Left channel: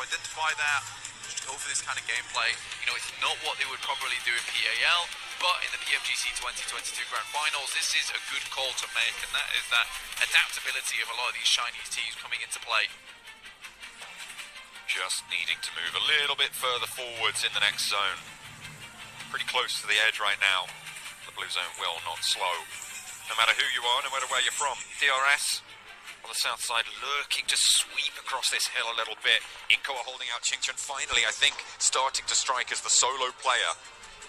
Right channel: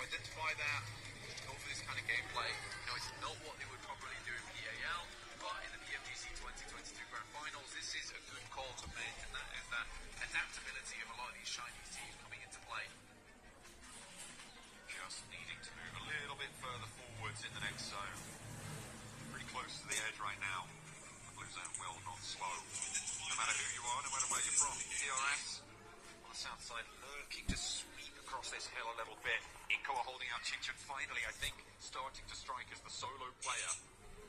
identify that, just go for this kind of gameplay. You know, it's not what they would probably do in PAL, but in the PMGC 2022 Grand Finals, this is a good call to make, and that is that adaptability of a lot of these Chinese teams coming into play. Just needing to move a little bit further forwards in the next zone. Pretty close to the edge right now. The blue zone will not slow. No matter who you are, no matter where you're from. DRS on the south side lurking to sweep across this hill a little bit. Inco are holding out. Chingchen finally, I think, starting to strike as the solo player.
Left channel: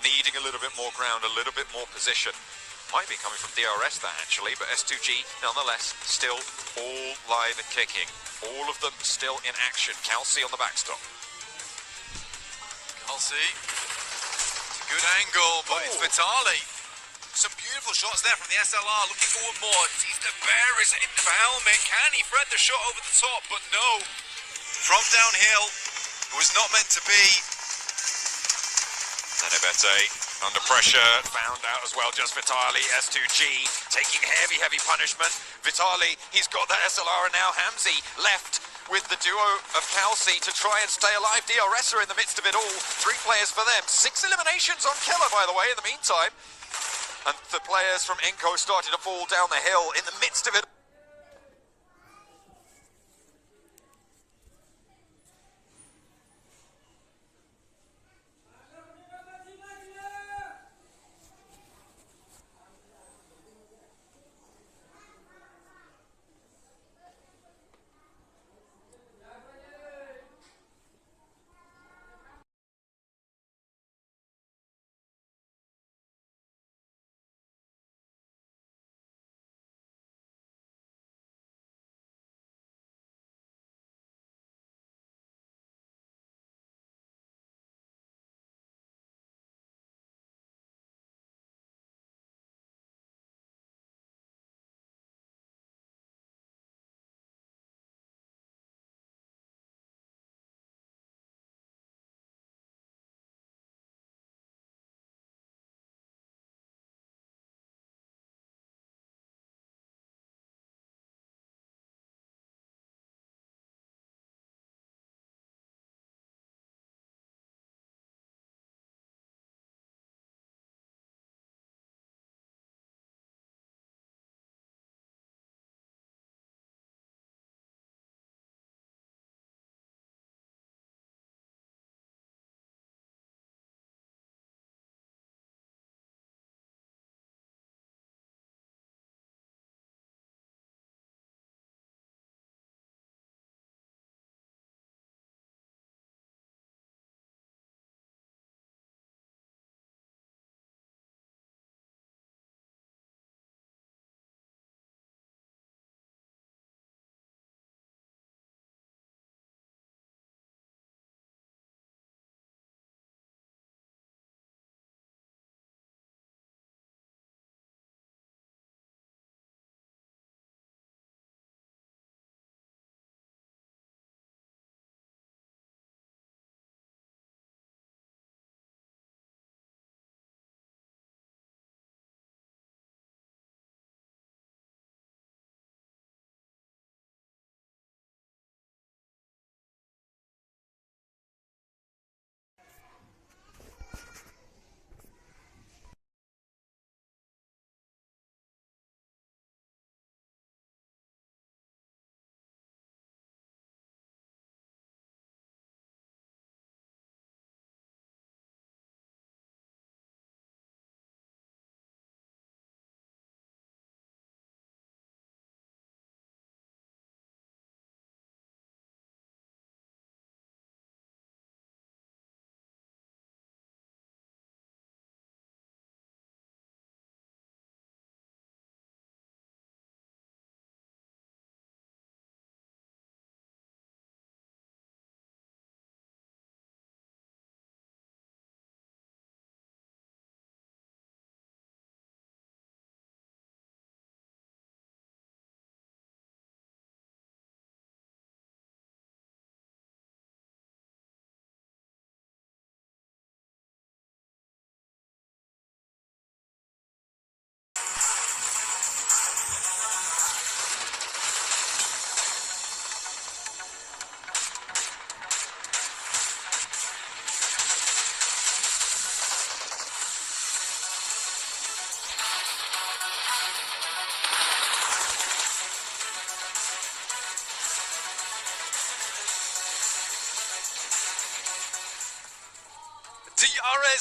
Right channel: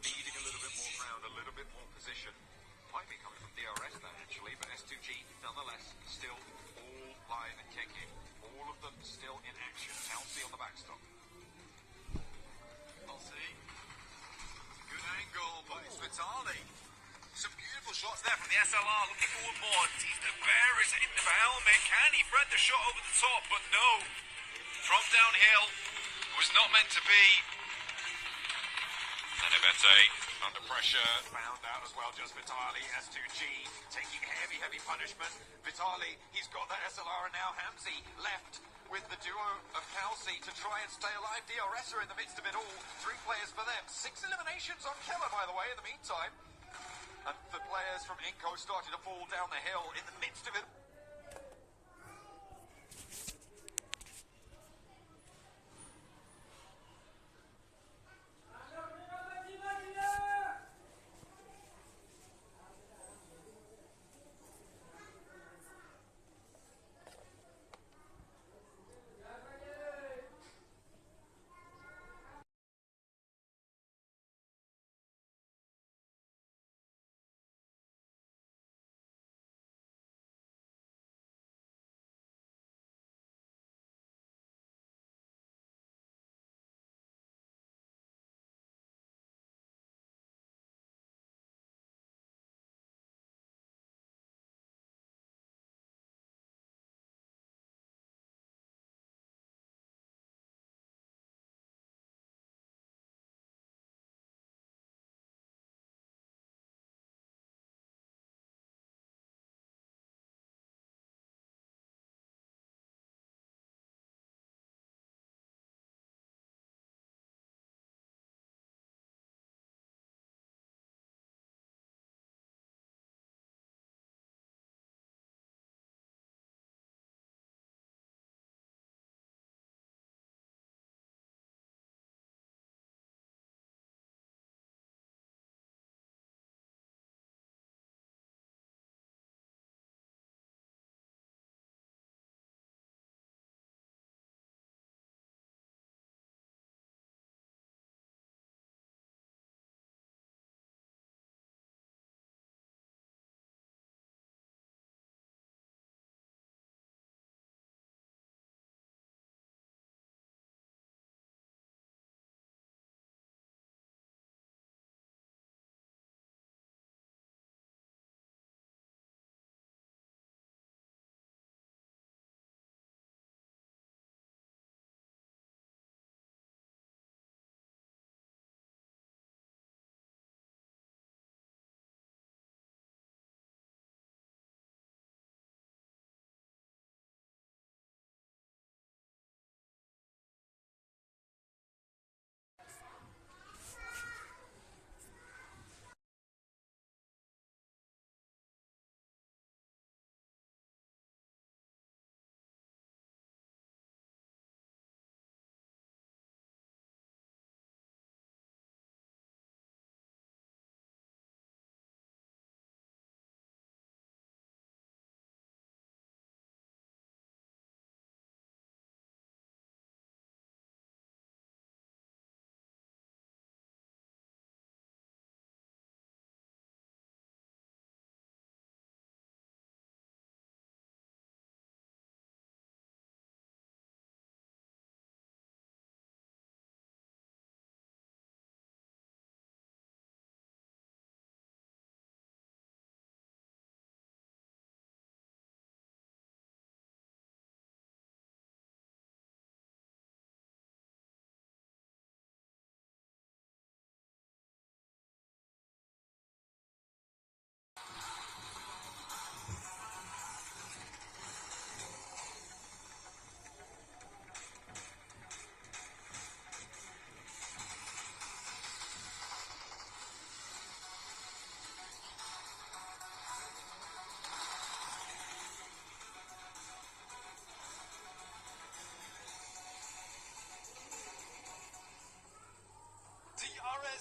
Needing a little bit more ground, a little bit more position. Might be coming from DRS that actually, but S2G nonetheless still all live and kicking. All of them still in action. Kelsey on the backstop. Kelsey, it's a good angle, but it's Vitali. Some beautiful shots there from the SLR, looking for one more. Sees the bear is in the helmet. Can he thread the shot over the top? But no. From downhill, it was not meant to be. Nenebete under pressure, found out as well, just Vitali. S2G taking heavy punishment. Vitali, he's got that SLR, and now Hamzy left with the duo of Kelsey to try and stay alive. DRS are in the midst of it all. 3 players for them. 6 eliminations on Killer, by the way, in the meantime. And the players from Inco started to fall down the hill in the midst of it.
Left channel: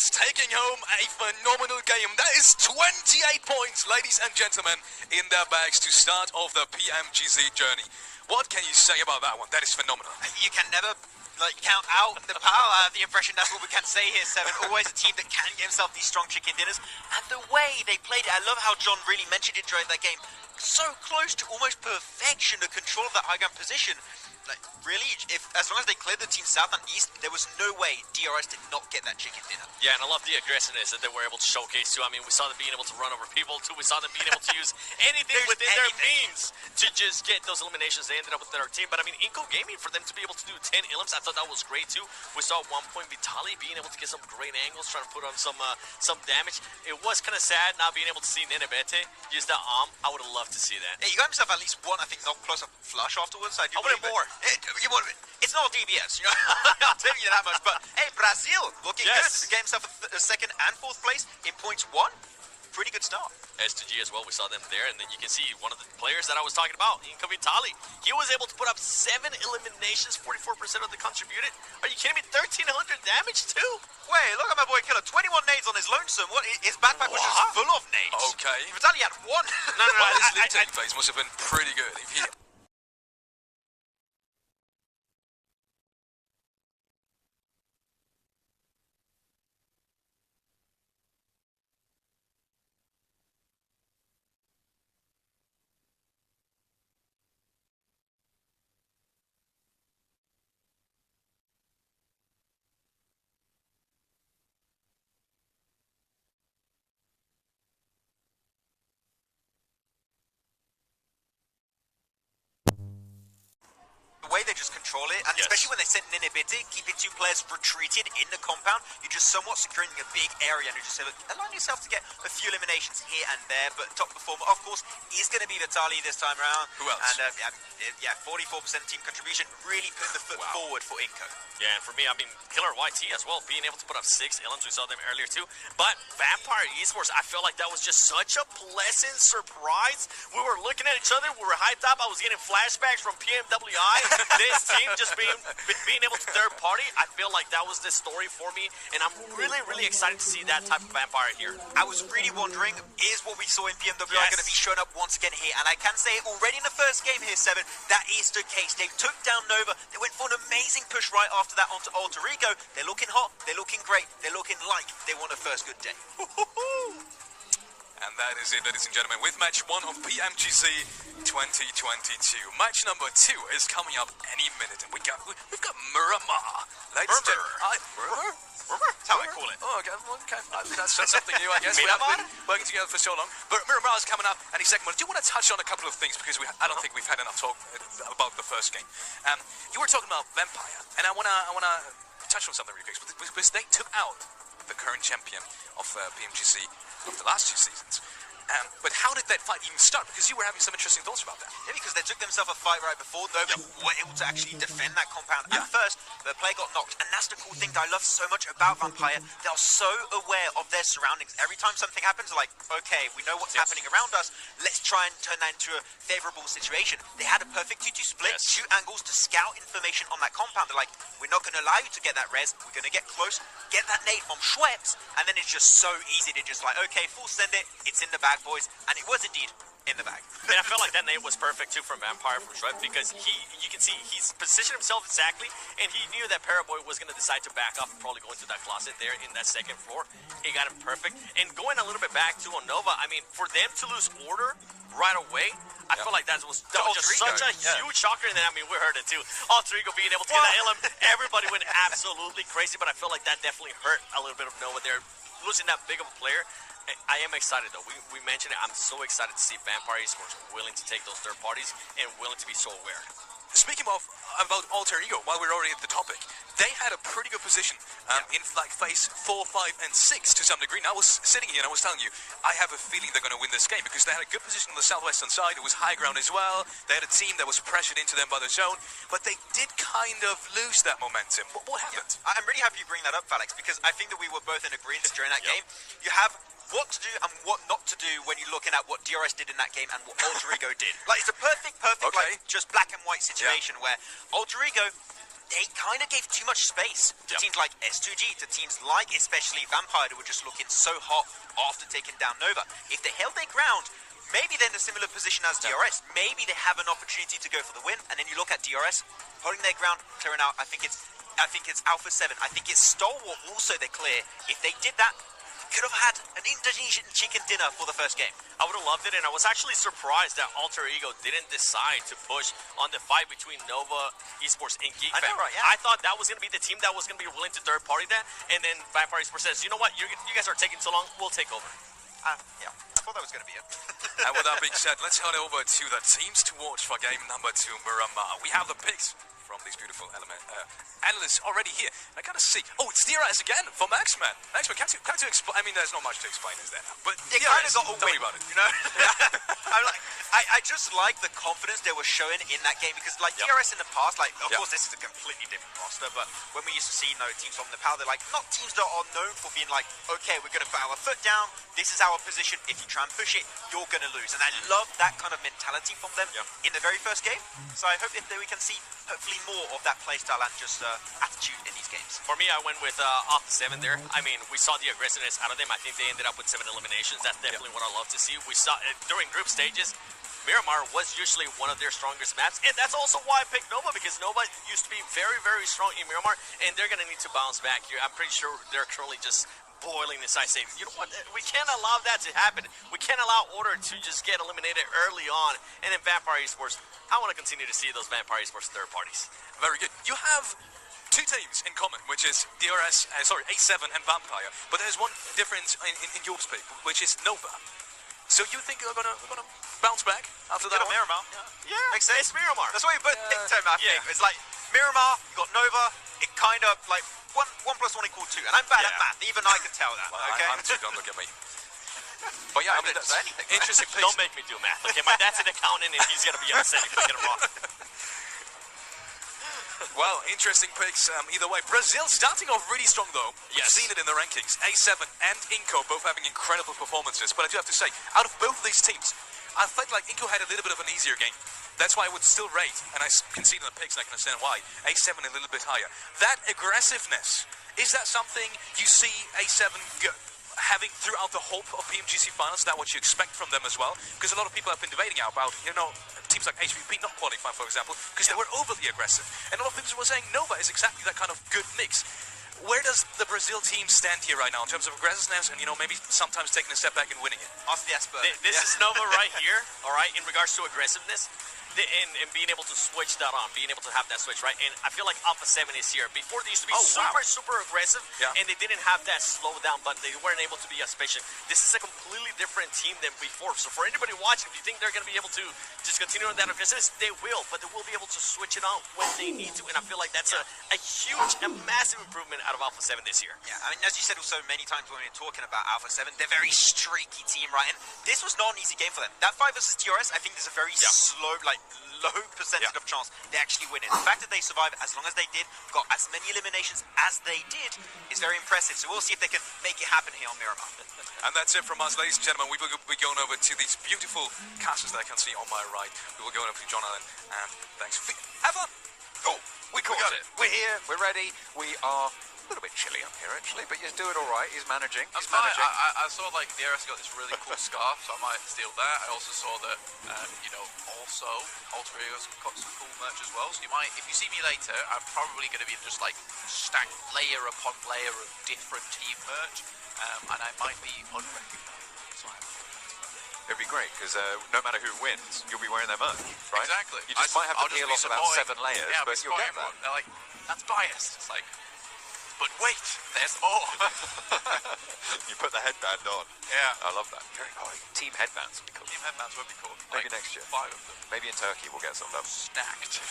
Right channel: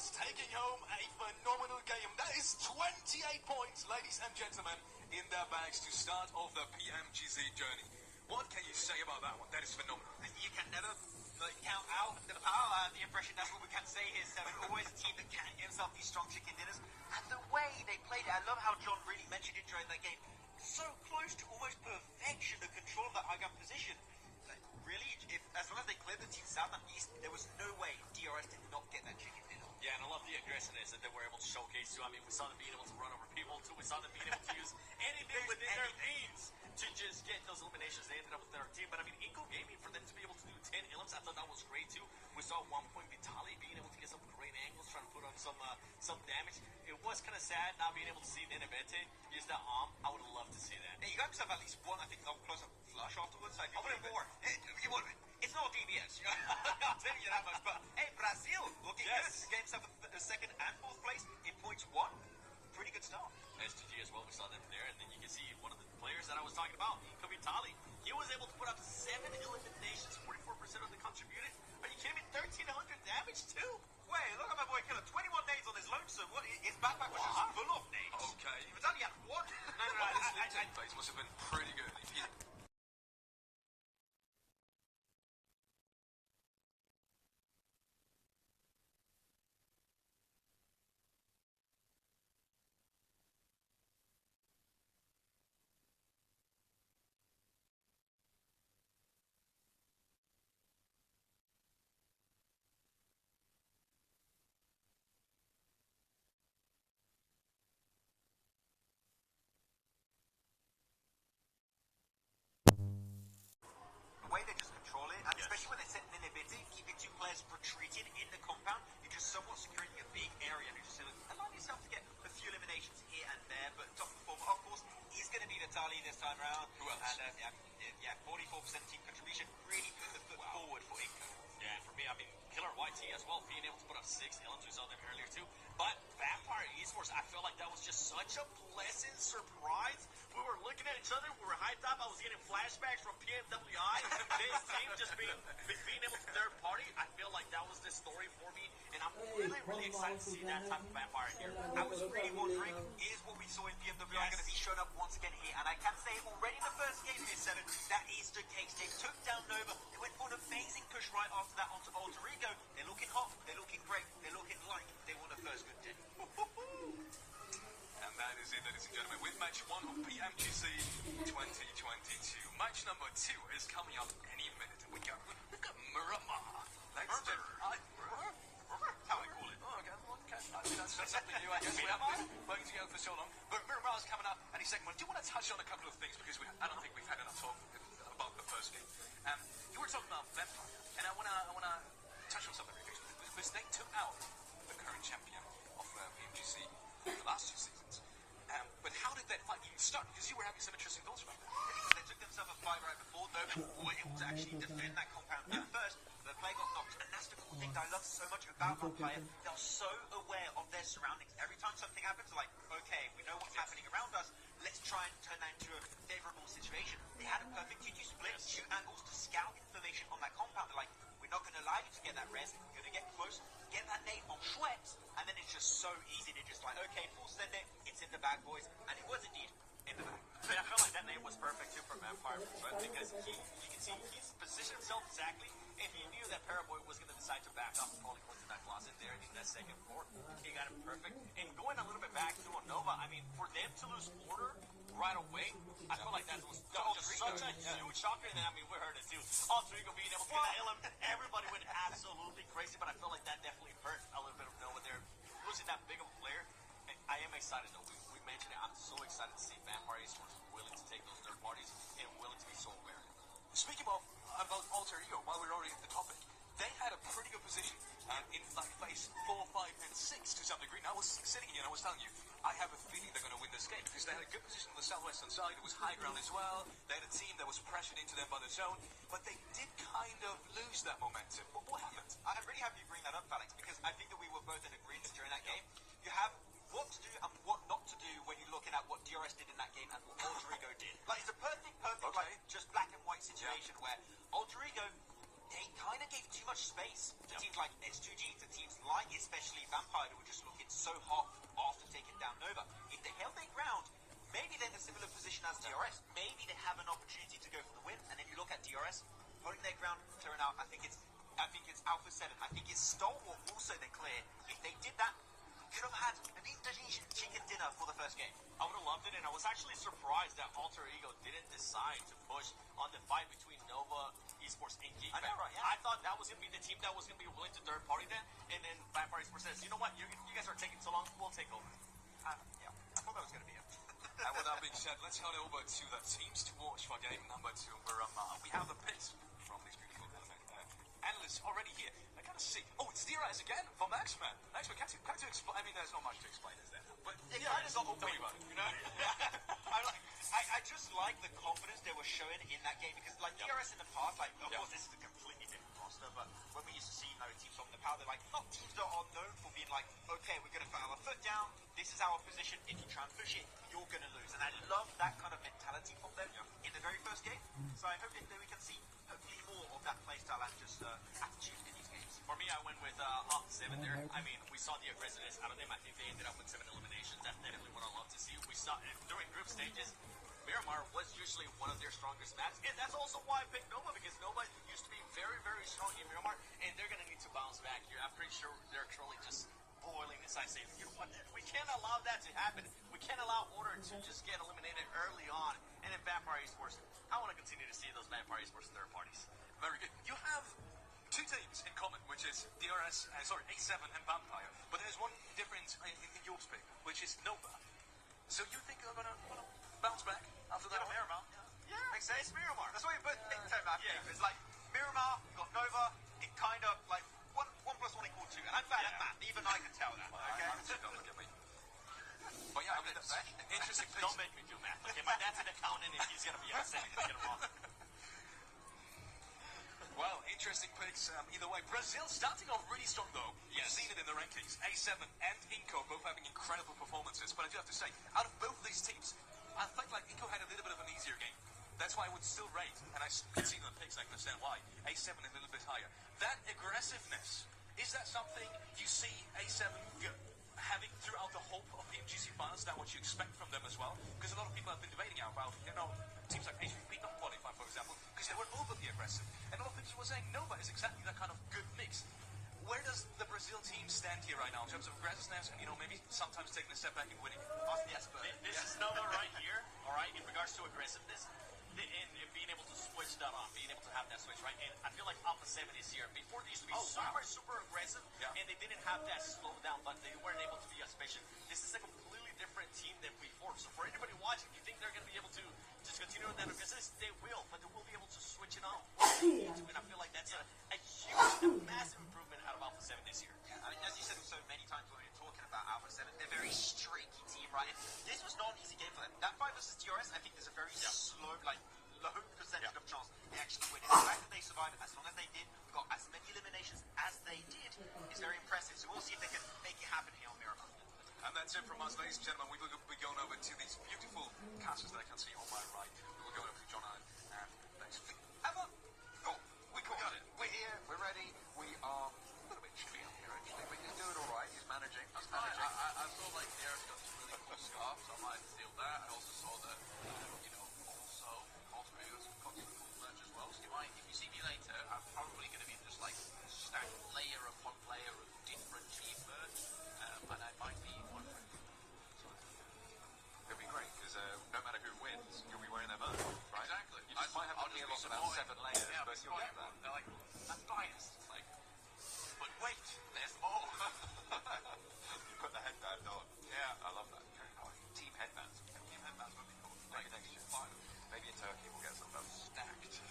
is taking home a phenomenal game. That is 28 points, ladies and gentlemen, in their bags to start off the PMGC journey. What can you say about that one? That is phenomenal. You can never count out the power. The impression, that's what we can say here, Seven. Always a team that can get himself these strong chicken dinners. And the way they played it, I love how John really mentioned it during that game. So close to almost perfection, the control of that high ground position. Like, really, as long as they cleared the team south and east, there was no way DRS did not get that chicken dinner. Yeah, and I love the aggressiveness that they were able to showcase too. I mean, we saw them being able to run over people too. We saw them being able to use anything within their means to just get those eliminations. They ended up with their team. But I mean, Inco Gaming, for them to be able to do 10 elims, I thought that was great too. We saw at one point Vitali being able to get some great angles, trying to put on some damage. It was kind of sad not being able to see Nenebete use that arm. I would have loved to see that. Yeah, you got himself at least one, I think, knock plus a flush afterwards. I wanted more. It's not DBS, you know. I'll tell you that much. But hey, Brazil looking good. Get himself a second and fourth place in points 1. Pretty good start. S2G as well, we saw them there, and then you can see one of the players that I was talking about, Inco Vitali. He was able to put up 7 eliminations, 44% of the contributed. Are you kidding me? 1,300 damage too? Wait, look at my boy Killer. 21 nades on his lonesome. What? His backpack was just full of nades. Okay. Vitali had 1. No. His lead taking phase must have been pretty good. If he the way they just control it, and especially when they send Nenebete, keeping 2 players retreated in the compound, you're just somewhat securing a big area, and you just say, look, allow yourself to get a few eliminations here and there, but top performer, of course, is going to be Vitali this time around. Who else? And 44% team contribution, really putting the foot forward for Inco. Yeah, and for me, I mean, Killer YT as well, being able to put up 6 elims, we saw them earlier too. But Vampire Esports, I felt like that was just such a pleasant surprise. We were looking at each other, we were hyped up, I was getting flashbacks from PMWI. This team just being able to third party, I feel like that was the story for me, and I'm really excited to see that type of Vampire here. I was really wondering, is what we saw in PMWI going to be showing up once again here? And I can say already in the first game here, Seven, that is the case. They took down Nova, they went for an amazing push right after that onto Alter Ego. They're looking hot, they're looking great, they're looking like they want a first good day. And that is it, ladies and gentlemen, with match 1 of PMGC 2022. Match number 2 is coming up any minute, and we've got Miramar. Ladies and gentlemen, That's how I call it. Oh, okay. That's something new, I guess. We haven't been working together for so long. But Miramar is coming up any second. I do want to touch on a couple of things because I don't think we've had enough talk about the first game. You were talking about Vampire, and I wanna touch on something really quick because they took out the current champion of PMGC of the last 2 seasons. But how did that fight even start? Because you were having some interesting thoughts about that. Yeah, because they took themselves a fight right before, though they were able to actually defend that compound at first. The player got knocked, and that's the cool thing that I love so much about Vampire. They are so aware of their surroundings. Every time something happens, they're like, okay, we know what's happening around us. Let's try and turn that into a favorable situation. They had a perfect 2-2 split, 2 angles to scout information on that compound. They're like, we're not going to allow you to get that res. We're going to get close, get that nade from Schweppes, and then it's just so easy to just like, okay, full send it. It's in the bag, boys. And it was indeed in the bag. And I felt like that nade was perfect too from Vampire, from Schweppes, because you can see he's positioned himself exactly, and he knew that Paraboy was going to decide to back up and probably go into that closet there in that second floor. He got him perfect. And going a little bit back to Nova, I mean, for them to lose order right away, I feel like that was just such a huge shocker. And then, I mean, we heard it too. Alter Ego being able to get that LM, everybody went absolutely crazy, but I feel like that definitely hurt a little bit of Nova there. Losing that big of a player. I am excited though. We mentioned it. I'm so excited to see Vampire Esports willing to take those third parties and willing to be so aware. Speaking about Alter Ego, while we're already at the topic, they had a pretty good position in like phase 4, 5, and 6 to some degree. And I was sitting here and I was telling you, I have a feeling they're going to win this game because they had a good position on the southwestern side. It was high ground as well. They had a team that was pressured into them by the zone, but they did kind of lose that momentum. What happened? Yeah. I'm really happy you bring that up, Felix, because I think that we were both in agreement during that game. You have what to do and what not to do when you're looking at what DRS did in that game and what Alter Ego did. Like, it's a perfect, like, just black and white situation where Alter Ego they kind of gave too much space to teams like S2G, to teams like especially Vampire, who were just looking so hot after taking down Nova. If they held their ground, maybe they're in a similar position as DRS. Maybe they have an opportunity to go for the win. And then you look at DRS, holding their ground, clearing out. I think it's Alpha 7. I think it's Stalwart also they clear. If they did that, could have had an Indonesian chicken dinner for the first game. I would have loved it, and I was actually surprised that Alter Ego didn't decide to push on the fight between Nova Esports and Geek I know, Fam. right, yeah. I thought that was going to be the team that was going to be willing to third party that, and then Vampire Esports says, you know what, you guys are taking so long, we'll take over. Yeah, I thought that was going to be it. And with that being said, let's head over to the teams to watch for game number 2, Miramar. We have the picks from these beautiful analysts already here. I gotta see. Oh, it's DRS again for Maxman. Maxman, can't you explain? I mean, there's not much to explain, is there? But They DRS, kind of got a tell me win, about it. you know? I just like the confidence they were showing in that game because, like, DRS in the past, like, of course, this is a completely different roster, but when we used to see, teams from Nepal, they're like, not teams that are known for being like, okay, we're going to put our foot down, this is our position, if you try and push it, you're going to lose. And I love that kind of mentality from them in the very first game. So I hope that we can see, hopefully, more of that playstyle and just attitude in these games. For me, I went with Alpha 7 there. I mean, we saw the aggressiveness out of them. I think they ended up with 7 eliminations. That's definitely what I love to see. We saw during group stages, Miramar was usually one of their strongest maps, and that's also why I picked Nova, because Nova used to be very, very strong in Miramar, and they're going to need to bounce back here. I'm pretty sure they're currently just boiling inside, saying, you know what, we can't allow that to happen. We can't allow Order to just get eliminated early on, and then Vampire Esports, I want to continue to see those Vampire Esports third parties. Very good. You have 2 teams in common, which is DRS, A7 and Vampire, but there's one difference in your pick, which is Nova. So you think you're gonna bounce back after that one? Miramar. Yeah, Makes sense. it's Miramar. That's why you both picked him, I think. It's like, Miramar, you got Nova, it kind of, like, 1 + 1 = 2. And I'm bad at math, even I can tell that, Well, okay? I'm too, don't look at me. But yeah, I mean, that's anything. interesting picks. Don't make me do math. Okay, my dad's an accountant, and he's going to be upset if I get it wrong. Well, interesting picks either way. Brazil starting off really strong, though. We've Yes. seen it in the rankings. A7 and Inco both having incredible performances. But I do have to say, out of both of these teams, I felt like Inco had a little bit of an easier game. That's why I would still rate, and I can see it in the picks, and I can understand why, A7 a little bit higher. That aggressiveness, is that something you see A7 having throughout the whole of PMGC finals? Is that what you expect from them as well? Because a lot of people have been debating about, teams like HVP not qualifying, for example, because they were overly aggressive. And a lot of people were saying Nova is exactly that kind of good mix. Where does the Brazil team stand here right now in terms of aggressiveness and, maybe sometimes taking a step back and winning it? Ask the expert. This is Nova right here, all right, in regards to aggressiveness. And being able to switch that on, being able to have that switch, right? And I feel like Alpha 7 is here. Before, they used to be super aggressive, and they didn't have that slow down button. They weren't able to be as patient. This is a completely different team than before. So for anybody watching, if you think they're going to be able to just continue on that aggressiveness, they will, but they will be able to switch it on when they need to. And I feel like that's a huge and massive improvement out of Alpha 7 this year. Yeah, I mean, as you said also many times when we were talking about Alpha 7, they're a very streaky team, right? And this was not an easy game for them. That 5 versus DRS, I think there's a very slow, low percentage of chance they actually win it. The fact that they survived as long as they did, got as many eliminations as they did, is very impressive. So we'll see if they can make it happen here on Miramar. And that's it from us, ladies and gentlemen. We will be going over to these beautiful castles that I can see on my right. We will go over to John Allen, and thanks. Have fun! Oh, we got it. We're here. We're ready. We are a little bit chilly up here, actually, but he's doing all right. He's managing. That's He's managing. fine. I saw DRS got this really cool scarf, so I might steal that. I also saw that, also Alter Ego's got some cool merch as well. So you might, if you see me later, I'm probably going to be just like stacked layer upon layer of different team merch, and I might be unrecognizable. So It'd be great, because no matter who wins, you'll be wearing their merch, right? Exactly. You just might have to I'll just peel be off about supporting- 7 layers, yeah, but you'll get that. They're like, that's biased. It's like, but wait, there's more. You put the headband on. Yeah. I love that. Very cool. Team headbands would be cool. Team headbands would be cool. Maybe Like, next year. 5 of them. Maybe in Turkey we'll get some of those. Stacked.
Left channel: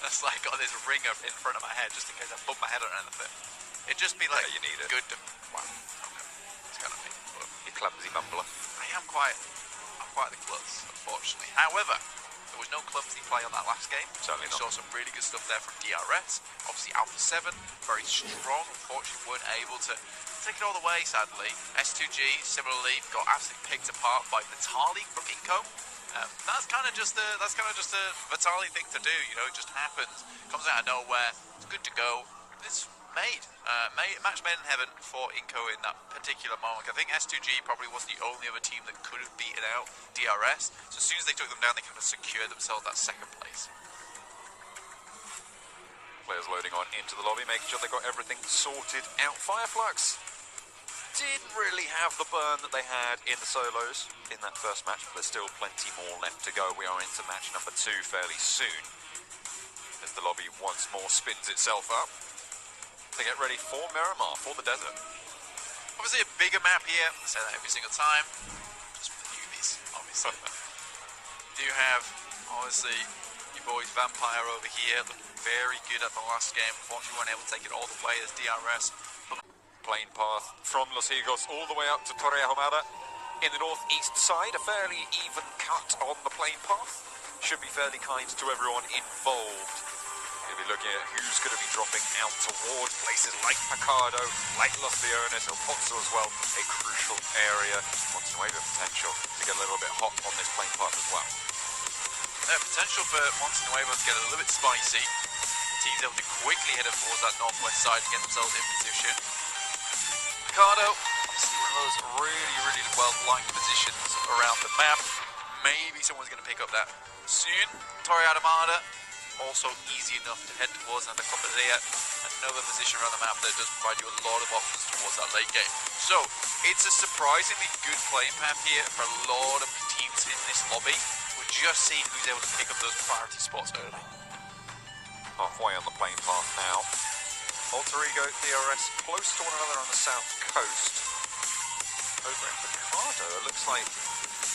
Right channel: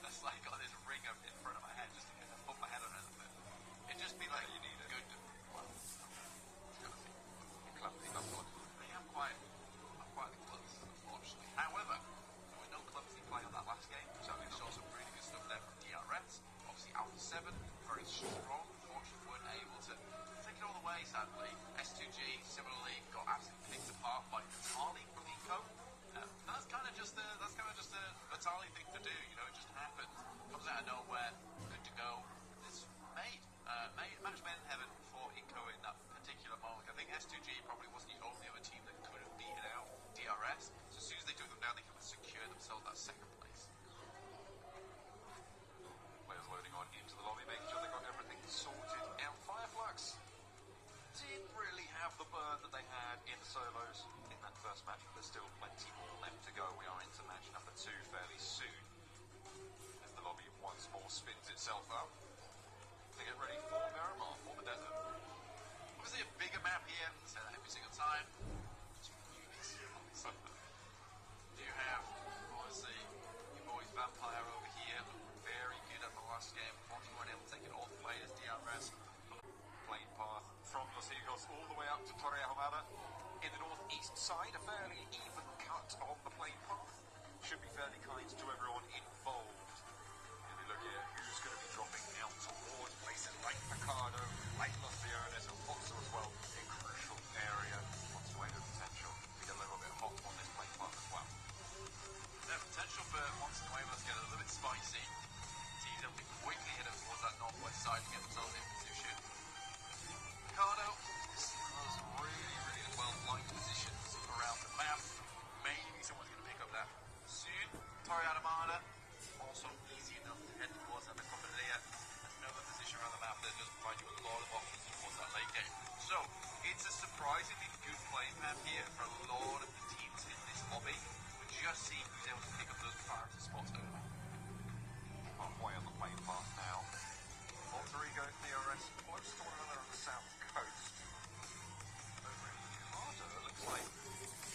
That's like got this ringer in front of my head just in case I bump my head or anything. It'd just be like you need it. good to, wow. Okay. It's kind of me. But You clumsy mumbler. I'm quite the klutz, unfortunately. However, there was no clumsy play on that last game. Certainly We not. saw some really good stuff there from DRS. Obviously Alpha 7, very strong. Unfortunately weren't able to take it all the way, sadly. S2G, similarly, got absolutely picked apart by Natali from Inco. That's kind of just a Vitali thing to do. You know, it just happens. Comes out of nowhere. It's good to go. It's match made in heaven for Inco in that particular moment. I think S2G probably was the only other team that could have beaten out DRS. So as soon as they took them down, they kind of secured themselves that second place. Players loading on into the lobby, making sure they got everything sorted out. Fireflux didn't really have the burn that they had in the solos in that first match, but there's still plenty more left to go. We are into match number 2 fairly soon, as the lobby once more spins itself up to get ready for Miramar, for the desert. Obviously a bigger map here, I say that every single time, just for the newbies, obviously. Do have, obviously, your boys Vampire over here, looking very good at the last game. Unfortunately, weren't able to take it all the way as DRS. Plane path from Los Higos all the way up to Torre Ahumada in the northeast side. A fairly even cut on the plane path. Should be fairly kind to everyone involved. We'll be looking at who's going to be dropping out towards places like Picado, like Los Leones, or Pozzo as well. A crucial area. Montenuevo potential to get a little bit hot on this plane path as well. Potential for Montenuevo to get a little bit spicy. Teams able to quickly head up towards that northwest side to get themselves in position. Picado, obviously one of those really well-liked positions around the map. Maybe someone's going to pick up that soon. Torre Ahumada, also easy enough to head towards another Copadilla. Another position around the map that does provide you a lot of options towards that late game. So, it's a surprisingly good playing path here for a lot of teams in this lobby. We're just seeing who's able to pick up those priority spots early. Halfway on the plane path now. Alter Ego, DRS, close to one another on the south coast. Over in Picado, it looks like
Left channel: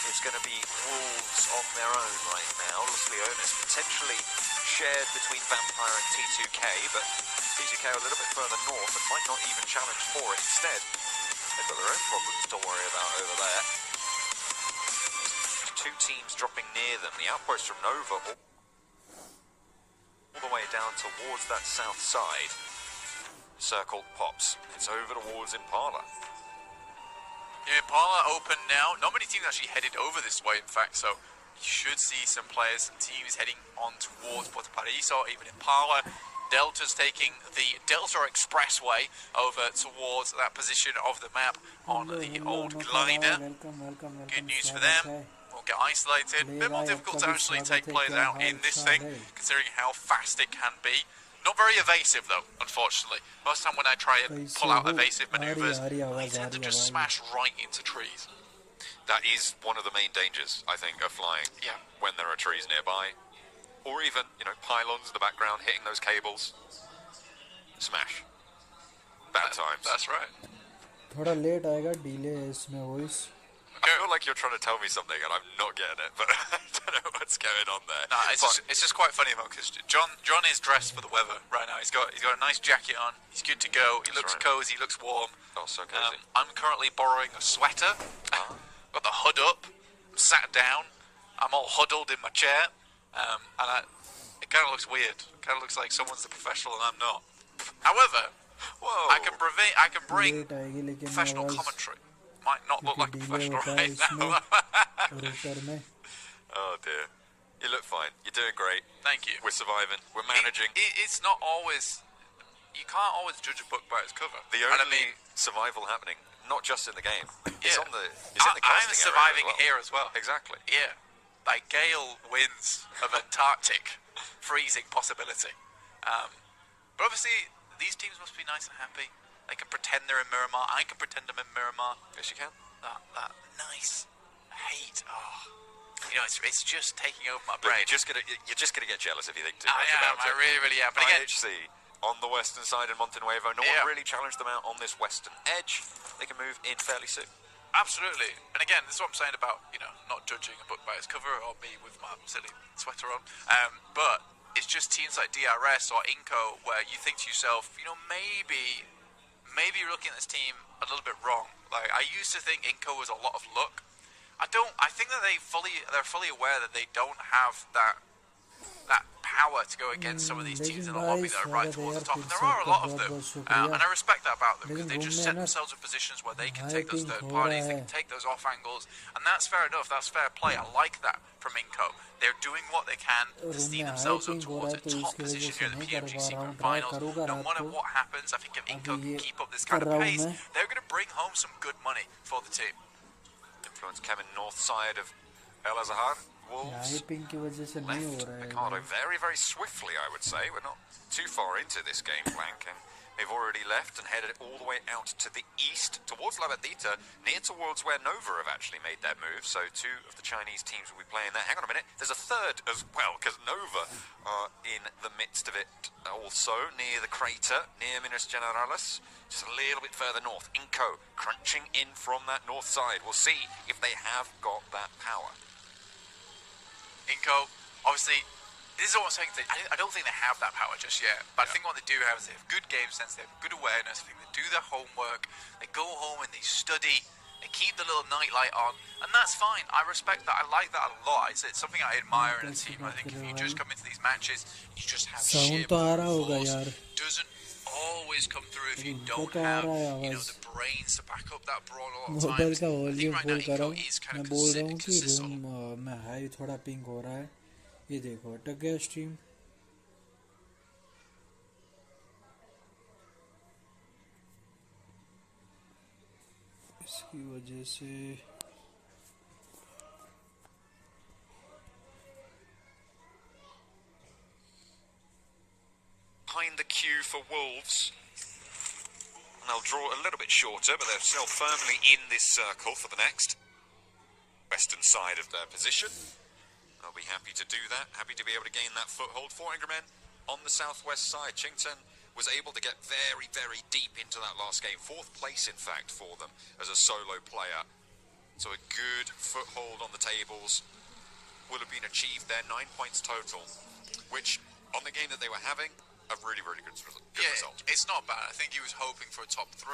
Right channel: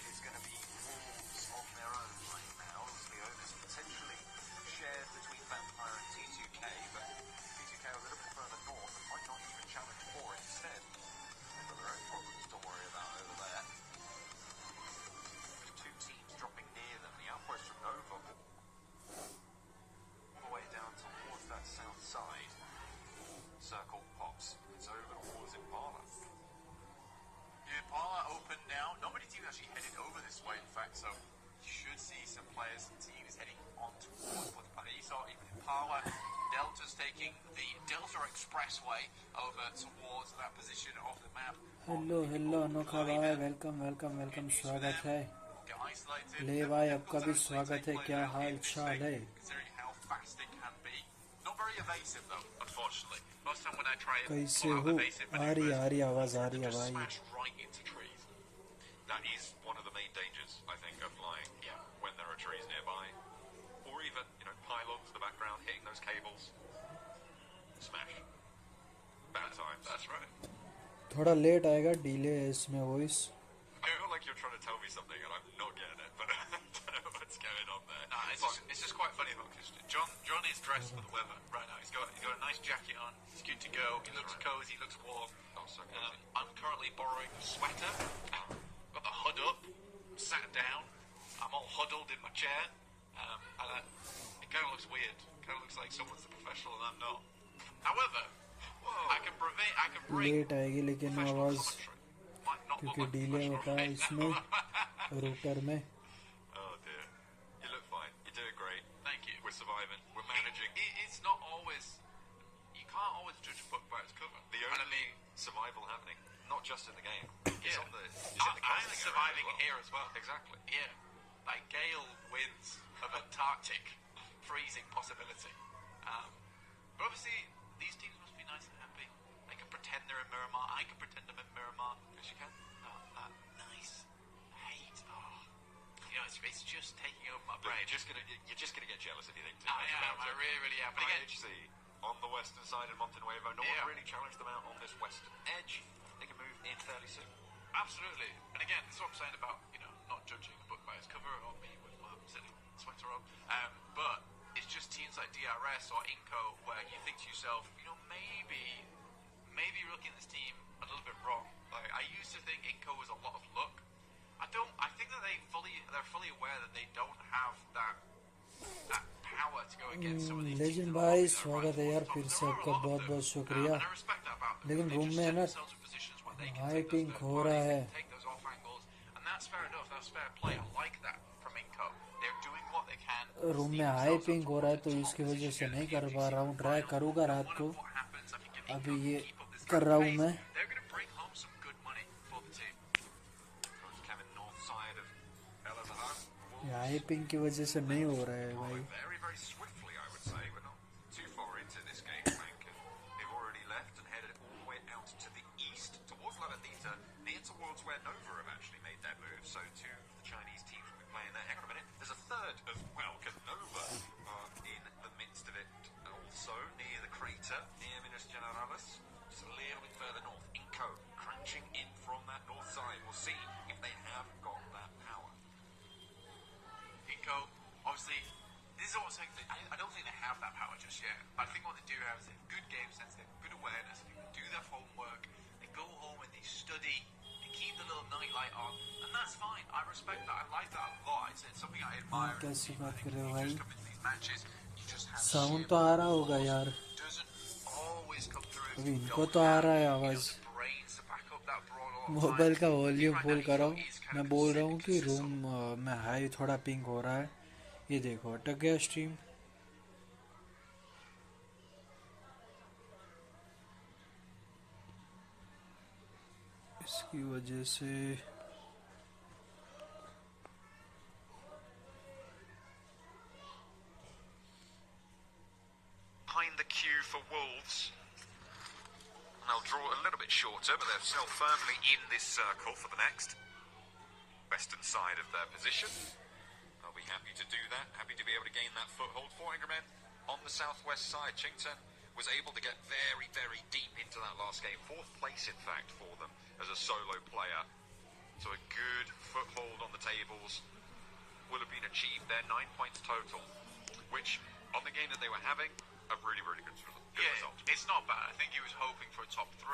it's going to be Wolves on their own right now. Los Leones potentially shared between Vampire and T2K, but T2K a little bit further north and might not even challenge for it. Instead, they've got their own problems to worry about over there. Two teams dropping near them. The outpost from Nova all the way down towards that south side. Circle pops. It's over towards Impala. Yeah, Impala open now. Not many teams actually headed over this way, in fact, so you should see some players and teams heading on towards Puerto Paraíso, even Impala. Delta's taking the Delta Expressway over towards that position of the map on the old glider. Good news for them. Won't get isolated. A bit more difficult to actually take players out in this thing, considering how fast it can be. Not very evasive though, unfortunately. Most time when I try and pull out evasive maneuvers, we tend to just smash right into trees. That is one of the main dangers, I think, of flying. Yeah. When there are trees nearby. Or even, you know, pylons in the background hitting those cables. Smash. Bad times. That's right. थोड़ा late आएगा delay है इसमें voice. I feel like you're trying to tell me something and I'm not getting it, but I don't know what's going on there. No, it's just quite funny because John is dressed for the weather right now. He's got a nice jacket on. He's good to go. He looks cozy. Looks warm. Oh, so cozy. I'm currently borrowing a sweater. Got the hood up. I'm sat down. I'm all huddled in my chair, and it kind of looks weird. It kind of looks like someone's the professional and I'm not. However, Whoa. I can bring professional commentary. Might not look like a professional right now. Oh dear. You look fine. You're doing great. Thank you. We're surviving. We're managing. It's not always. You can't always judge a book by its cover. The only survival happening, not just in the game. It's Yeah. in the casting I'm surviving area here as well. Exactly. Yeah. Like gale winds of Antarctic freezing possibility. But obviously, these teams must be nice and happy. They can pretend they're in Miramar. I can pretend I'm in Miramar. Yes, you can. That nice hate. Oh, you know, it's just taking over my But brain. you're just gonna get jealous if you think too I much am. about I it. really am. But again, IHC on the western side in Montenuevo. No Yeah. one really challenged them out on this western edge. They can move in fairly soon. absolutely. And again, this is what I'm saying about, you know, not judging a book by its cover or me with my silly sweater on. But it's just teams like DRS or Inco where you think to yourself, you know, maybe you're looking at this team a little bit wrong. Like, I used to think Inco was a lot of luck. I think that they're fully aware that they don't have that that power to go against some of these teams लेकिन in the lobby भाई that are right स्वागत है towards यार the top. फिर And से there are a आपका lot of बहुत them. बहुत शुक्रिया. And I respect that about them because लेकिन they रूम just में set है ना themselves in positions where they can high take those pink third हो रहा parties, they है. can take those off angles, and that's fair enough. That's fair play. I like that from Inco. They're doing what they can to room steam में high themselves up pink हो रहा towards है a तो top इसकी वजह position से here in the नहीं कर पा PMGC रहा हूँ. Grand try Finals. करूँगा No रात matter को. what happens, I think if Inco अभी ये can keep up this कर kind रहा of हूँ pace, मैं. they're going to bring home some good money for the team. Influence Kevin north side of El Azhar. High Wolves pink की वजह से नहीं हो left रहा है Mikado भाई. very, very swiftly, I would say. We're not too far into this game, Blank, and they've already left and headed all the way out to the east, towards Labadita, near towards where Nova have actually made their move. So two of the Chinese teams will be playing there. Hang on a minute, there's a third as well, because Nova are in the midst of it also, near the crater, near Minas Generalis, just a little bit further north. Inco crunching in from that north side. We'll see if they have got that power. Inco, obviously, this is what I'm saying. I don't think they have that power just yet. But I think what they do have is they have good game sense, they have good awareness. I think they do their homework. They go home and they study. They keep the little nightlight on, and that's fine. I respect that. I like that a lot. It's something I admire in a team. I think if you just come into these matches, you just have sheer sound तो आ रहा होगा force. यार. Doesn't always come through if अभी you इनको don't तो आ have, रहा है you know, आवाज. the brains to back up that brawn a lot of mobile times. का I think volume right full now करो. Inco is kind मैं of बोल रहा हूँ कि consistent. रूम में हाई थोड़ा पिंक हो रहा है. ये देखो अटक गया स्ट्रीम. इसकी वजह से Behind the queue for Wolves. They'll draw a little bit shorter, but they're still firmly in this circle for the next western side of their position. They'll be happy to do that, happy to be able to gain that foothold. 400 men on the southwest side. Chington was able to get very, very deep into that last game. 4th place, in fact, for them as a solo player. So a good foothold on the tables will have been achieved there. 9 points total, which on the game that they were having, a really, really good result. It's not bad. I think he was hoping for a top 3.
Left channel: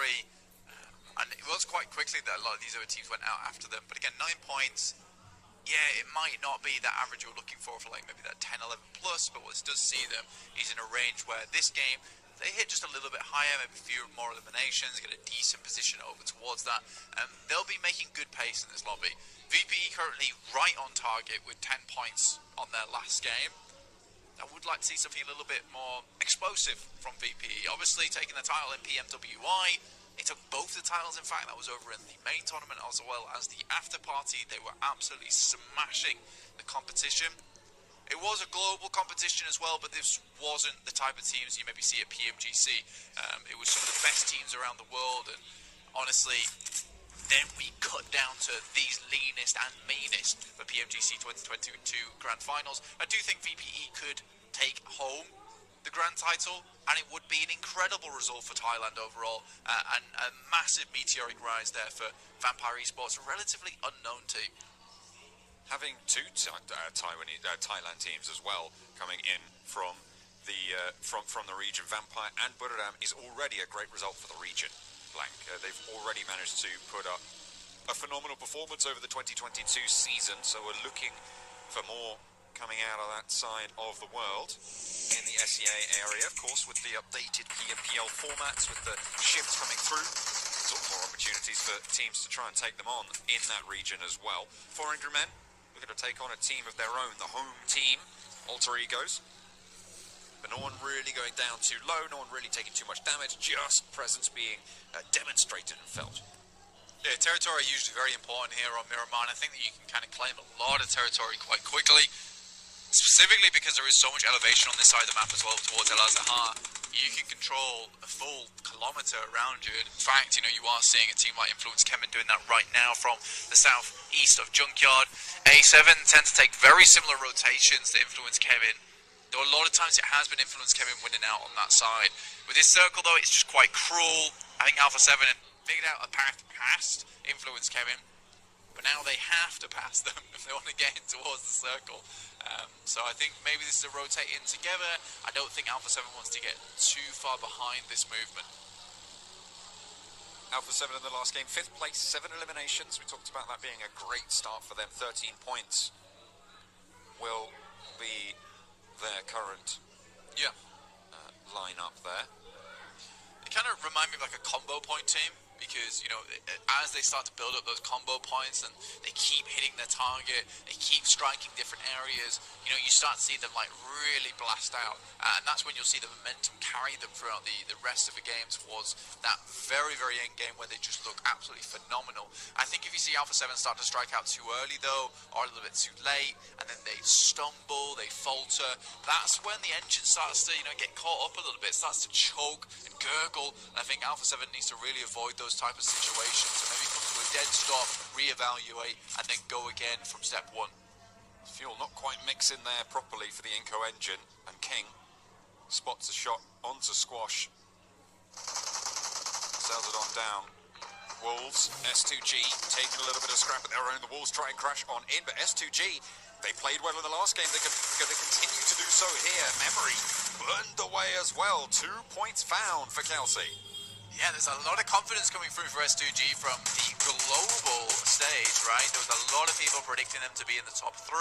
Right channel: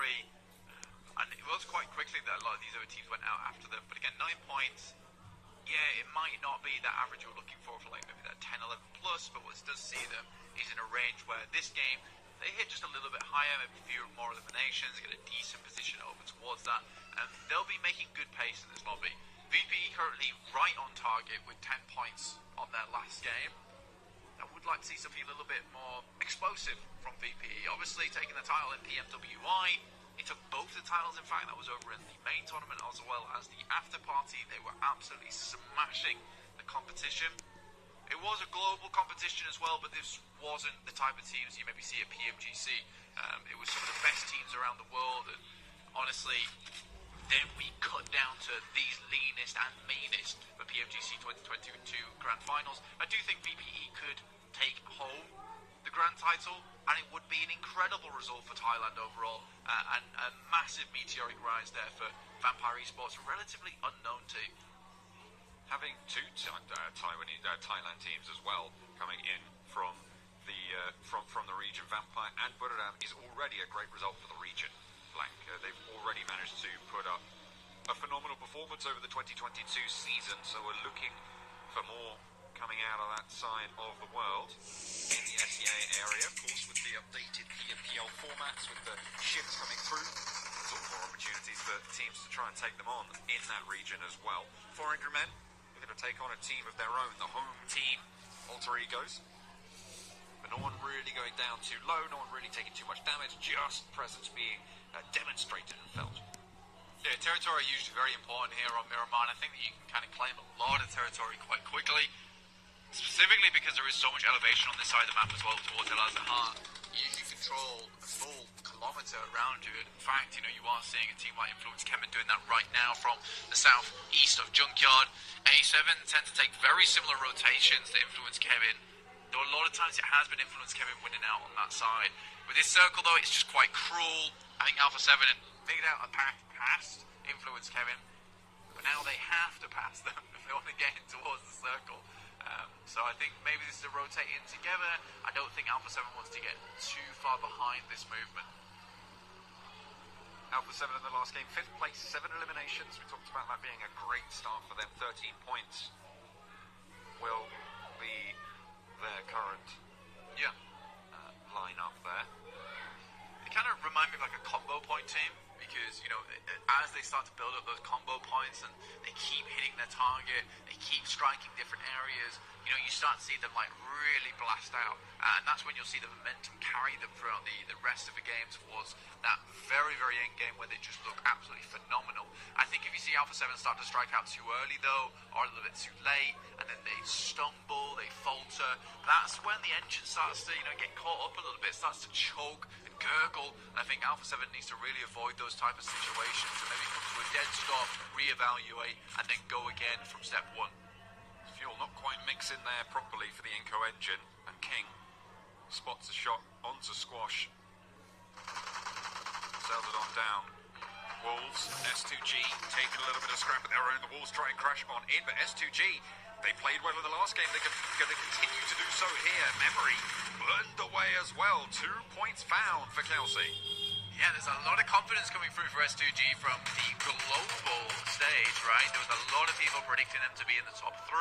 And it was quite quickly that a lot of these other teams went out after them. But again, 9 points, yeah, it might not be that average you're looking for like maybe that 10, 11 plus, but what it does see them, he's in a range where this game, they hit just a little bit higher, maybe a few more eliminations, get a decent position over towards that, and they'll be making good pace in this lobby. VPE currently right on target with 10 points on their last game. I would like to see something a little bit more explosive from VPE. Obviously, taking the title in PMWI, they took both the titles, in fact, that was over in the main tournament as well as the after party. They were absolutely smashing the competition. It was a global competition as well, but this wasn't the type of teams you maybe see at PMGC. It was some of the best teams around the world, and honestly, then we cut down to these leanest and meanest for PMGC 2022 Grand Finals. I do think VPE could take home the grand title, and it would be an incredible result for Thailand overall, and a massive meteoric rise there for Vampire Esports, a relatively unknown team. Having two Thailand teams as well coming in from the region, Vampire and Buriram, is already a great result for the region. Blank. They've already managed to put up a phenomenal performance over the 2022 season, so we're looking for more coming out of that side of the world. In the SEA area, of course, with the updated PMPL formats, with the shifts coming through, there's all more opportunities for teams to try and take them on in that region as well. 400 men looking to take on a team of their own, the home team, Alter Egos. But no one really going down too low, no one really taking too much damage, just presence being demonstrated and felt. Yeah, territory is usually very important here on Miramar, and I think that you can kind of claim a lot of territory quite quickly, specifically because there is so much elevation on this side of the map as well towards El Azhar. You can control a full kilometre around you. In fact, you know, you are seeing a team like Influence Kemen doing that right now from the southeast of Junkyard. A7 tend to take very similar rotations to Influence Kemen. Though a lot of times it has been Influence Kemen winning out on that side. With this circle though, it's just quite cruel. I think Alpha 7 had figured out a path past Influence Kemen, but now they have to pass them if they want to get in towards the circle. So I think maybe this is a rotating together. I don't think Alpha 7 wants to get too far behind this movement. Alpha 7 in the last game, 5th place, 7 eliminations. We talked about that being a great start for them. 13 points will be their current lineup there. They kind of remind me of like a combo point team, because, you know, as they start to build up those combo points and they keep hitting their target, they keep striking different areas, you know, you start to see them like really blast out, and that's when you'll see the momentum carry them throughout the rest of the game towards that very, very end game where they just look absolutely phenomenal. I think if you see Alpha 7 start to strike out too early though, or a little bit too late, and then they stumble, they falter, that's when the engine starts to, you know, get caught up a little bit, starts to choke and gurgle, and I think Alpha 7 needs to really avoid those type of situations and maybe come to a dead stop, reevaluate, and then go again from step one. Fuel not quite mixing there properly for the Inco engine, and King spots a shot onto Squash. Sells it on down. Wolves, S2G taking a little bit of scrap of their own. The Wolves try and crash on in, but S2G, they played well in the last game. They're going to continue to do so here. Memory burned away as well. 2 points found for Kelsey. Yeah, there's a lot of confidence coming through for S2G from the global stage, right? There was a lot of people predicting them to be in the top 3.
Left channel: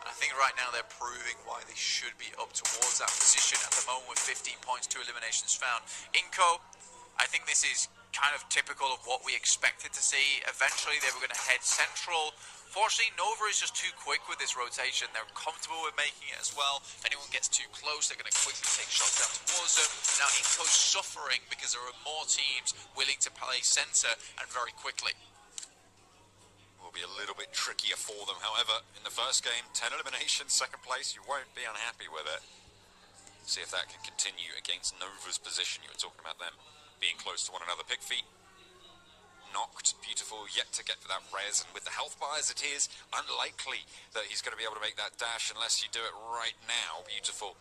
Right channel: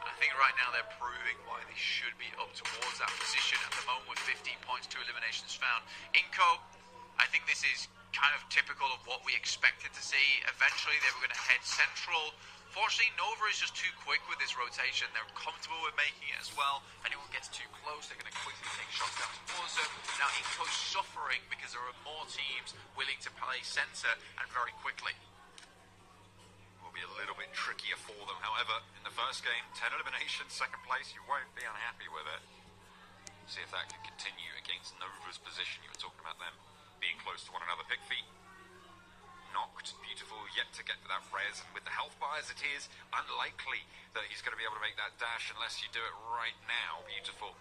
And I think right now they're proving why they should be up towards that position at the moment with 15 points, 2 eliminations found. Inco, I think this is kind of typical of what we expected to see. Eventually they were going to head central. Fortunately, Nova is just too quick with this rotation. They're comfortable with making it as well. If anyone gets too close, they're going to quickly take shots down towards them. Now, Inco's suffering because there are more teams willing to play center and very quickly. Will be a little bit trickier for them. However, in the first game, 10 eliminations, second place, you won't be unhappy with it. See if that can continue against Nova's position. You were talking about them being close to one another. Pig feet knocked. Beautiful, yet to get for that res, and with the health bar as it is, unlikely that he's going to be able to make that dash unless you do it right now. Beautiful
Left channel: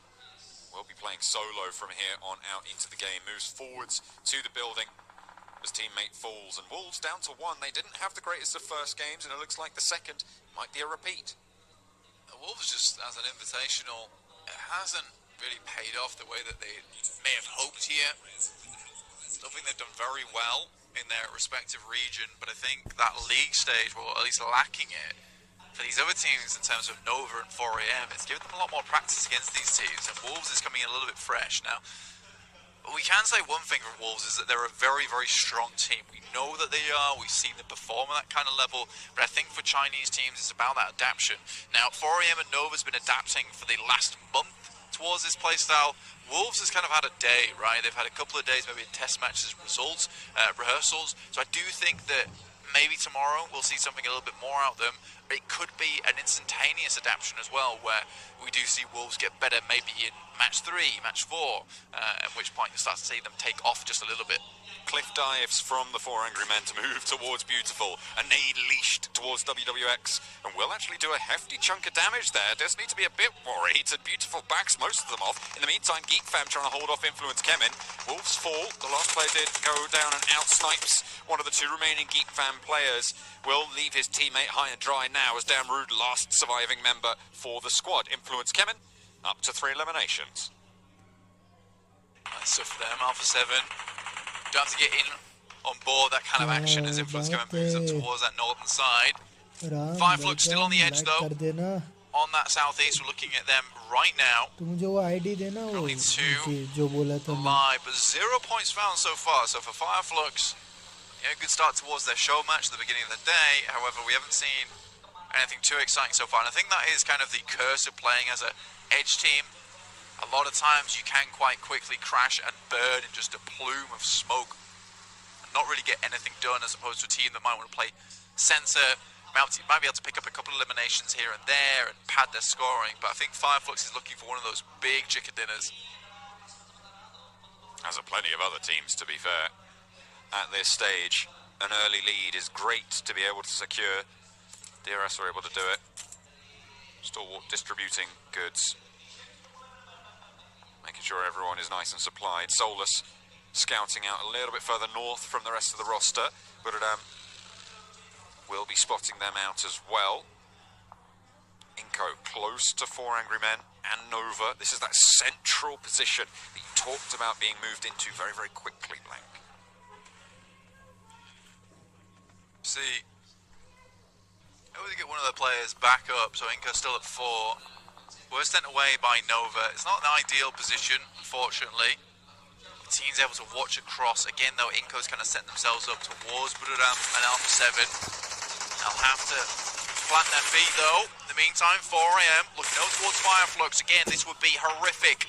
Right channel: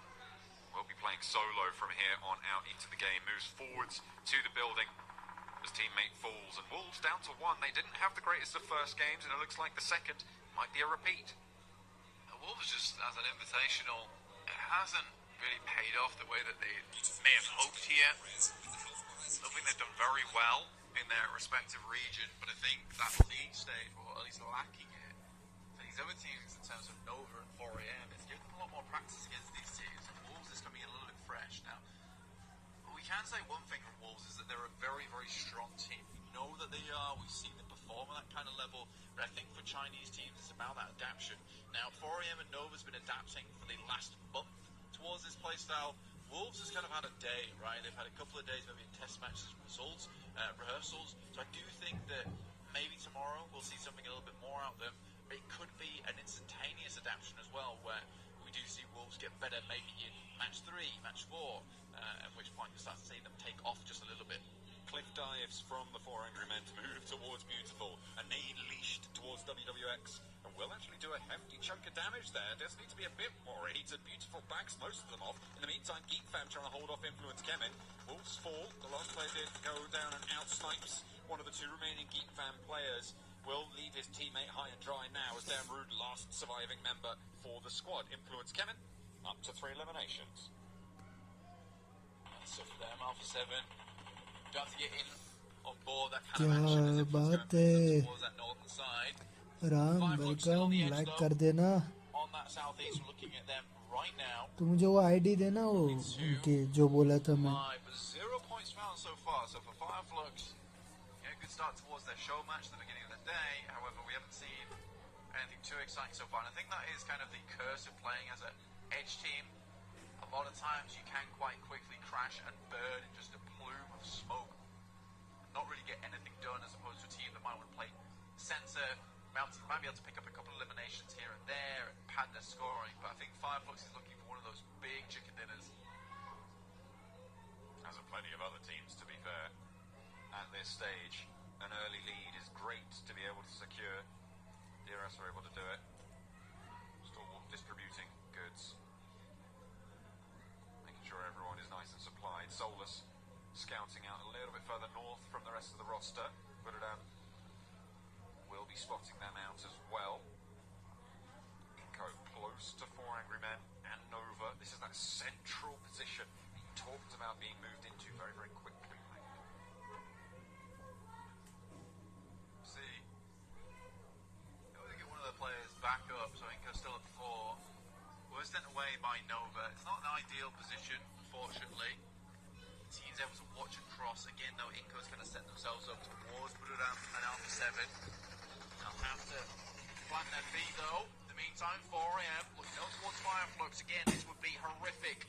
will be playing solo from here on out into the game. Moves forwards to the building. His teammate falls, and Wolves down to 1. They didn't have the greatest of first games, and it looks like the second might be a repeat. The Wolves, just as an invitational, it hasn't really paid off the way that they may have hoped here. I think they've done very well in their respective region, but I think that league stage, well, at least lacking it, for these other teams in terms of Nova and 4AM, it's given them a lot more practice against these teams, and Wolves is coming in a little bit fresh. Now, we can say one thing from Wolves is that they're a very, very strong team. We know that they are, we've seen them perform at that kind of level, but I think for Chinese teams, it's about that adaptation. Now, 4AM and Nova's been adapting for the last month towards this playstyle. Wolves has kind of had a day, right? They've had a couple of days, maybe in test matches, results, rehearsals. So I do think that maybe tomorrow we'll see something a little bit more out of them. But it could be an instantaneous adaptation as well, where we do see Wolves get better maybe in match 3, match 4, at which point you start to see them take off just a little bit. Cliff dives from the 4 Angry Men to move towards Beautiful. A nade leashed towards WWX, and will actually do a hefty chunk of damage there. Does need to be a bit worried, and Beautiful backs most of them off. In the meantime, Geek Fam trying to hold off Influence Kemin. Wolves fall. The last player did go down and out snipes one of the 2 remaining Geek Fam players. Will leave his teammate high and dry now as Dan Rude, last surviving member for the squad. Influence Kemin up to 3 eliminations. So for them, Alpha 7 don't have to get in on board that kind of action as Influence Kemin moves up towards that northern side. Fireflux still on the edge though. On that southeast, we're looking at them right now. Probably 2 live, but 0 points found so far. So for Fireflux, yeah, good start towards their show match at the beginning of the day. However, we haven't seen anything too exciting so far, and I think that is kind of the curse of playing as a edge team. A lot of times you can quite quickly crash and burn in just a plume of smoke and not really get anything done, as opposed to a team that might want to play center, might be able to pick up a couple of eliminations here and there and pad their scoring. But I think Fireflux is looking for one of those big chicken dinners. As are plenty of other teams, to be fair. At this stage, an early lead is great to be able to secure. DRS are able to do it. Stalwart distributing goods. Making sure everyone is nice and supplied. Solus scouting out a little bit further north from the rest of the roster. But will be spotting them out as well. Inco close to 4 Angry Men and Nova. This is that central position that you talked about being moved into very, very quickly, Blank. See, able to get one of the players back up, so Inco's still at 4. We're sent away by Nova. It's not an ideal position, unfortunately. The team's able to watch across. Again, though, Inco's kind of set themselves up towards Buduram and Alpha 7. They'll have to plant their feet, though. In the meantime, 4 AM, looking out towards Fireflux. Again, this would be horrific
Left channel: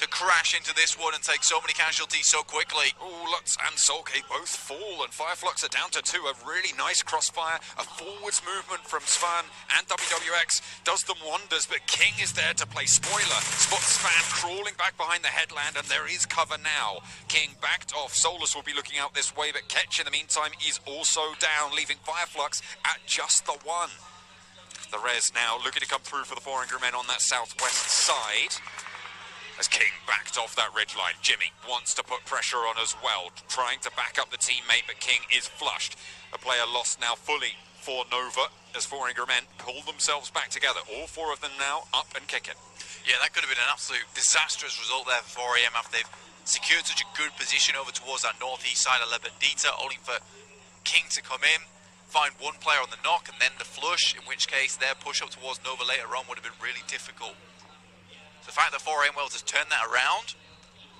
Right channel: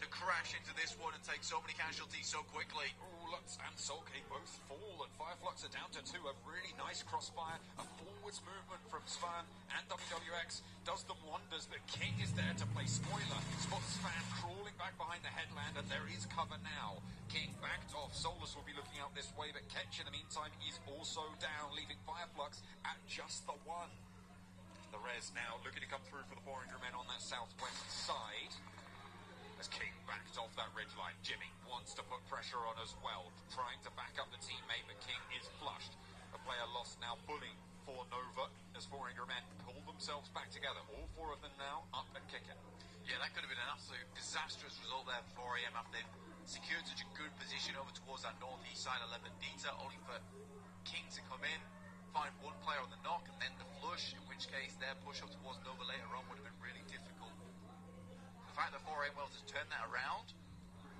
to crash into this one and take so many casualties so quickly. Oh, Lutz and Soulcake both fall, and Fireflux are down to 2. A really nice crossfire, a forwards movement from Svan, and WWX does them wonders, but King is there to play spoiler. Spots Svan crawling back behind the headland, and there is cover now. King backed off. Solus will be looking out this way, but Ketch in the meantime is also down, leaving Fireflux at just the 1. The res now looking to come through for the 4 Angry Men on that southwest side. As King backed off that ridgeline, Jimmy wants to put pressure on as well, trying to back up the teammate, but King is flushed. A player lost now fully for Nova as 4 Angry Men pull themselves back together. All 4 of them now up and kicking. Yeah, that could have been an absolute disastrous result there for 4 AM after they've secured such a good position over towards that northeast side of Lebedita, only for King to come in, find one player on the knock and then the flush, in which case their push up towards Nova later on would have been really difficult. The fact that 4 AM Wells has turned that around,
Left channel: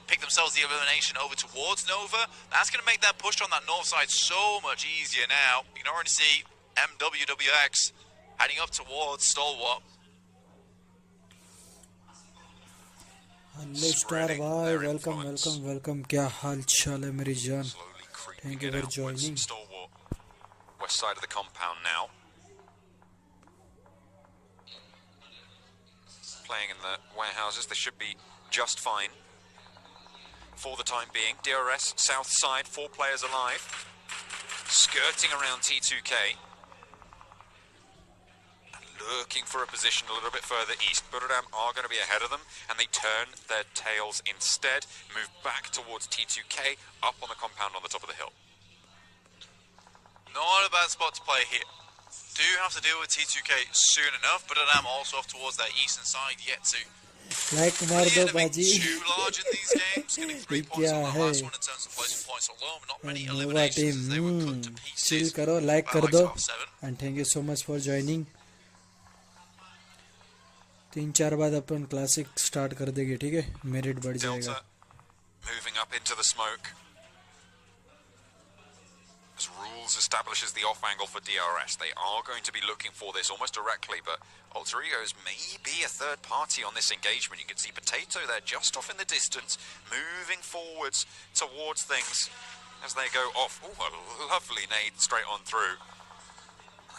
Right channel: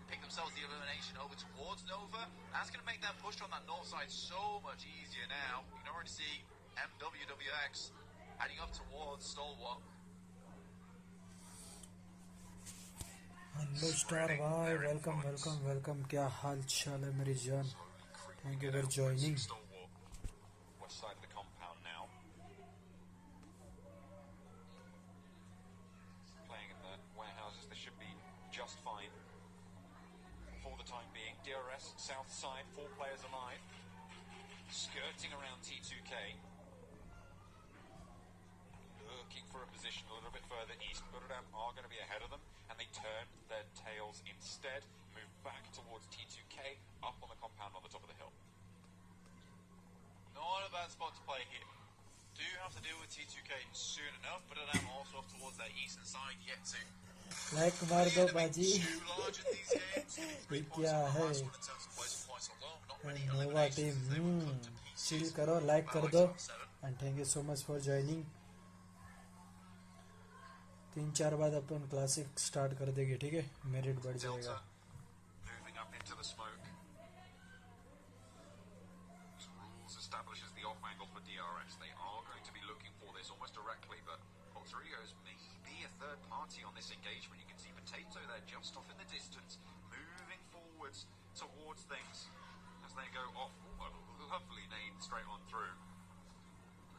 picked themselves the elimination over towards Nova, that's going to make that push on that north side so much easier now. You can already see MWWX heading up towards Stalwart. Hello star भाई welcome welcome welcome क्या हाल चाल है मेरी जान thank you for joining West side of the compound now. Playing in the warehouses, they should be just fine for the time being. DRS south side, 4 players alive, skirting around T2K, looking for a position a little bit further east. Buduram are going to be ahead of them, and they turn their tails instead, move back towards T2K, up on the compound on the top of the hill. Not a bad spot to play here. Do have to deal with T2K soon enough, but I'm also off towards that eastern side yet to. Like मार दो बाजी Too large in these games, getting 3 points on that last one in terms of placing points alone. Not many Nova eliminations as they were team cut to pieces. Chill करो like by कर like दो top 7. And thank you so much for joining 3-4 बाद अपन classic start कर देंगे ठीक है merit बढ़ जाएगा Delta moving up into the smoke. As rules establishes the off angle for DRS, they are going to be looking for this almost directly, but Alter Egos may be a third party on this engagement. You can see Potato there just off in the distance, moving forwards towards things as they go off. Oh, a lovely nade straight on through.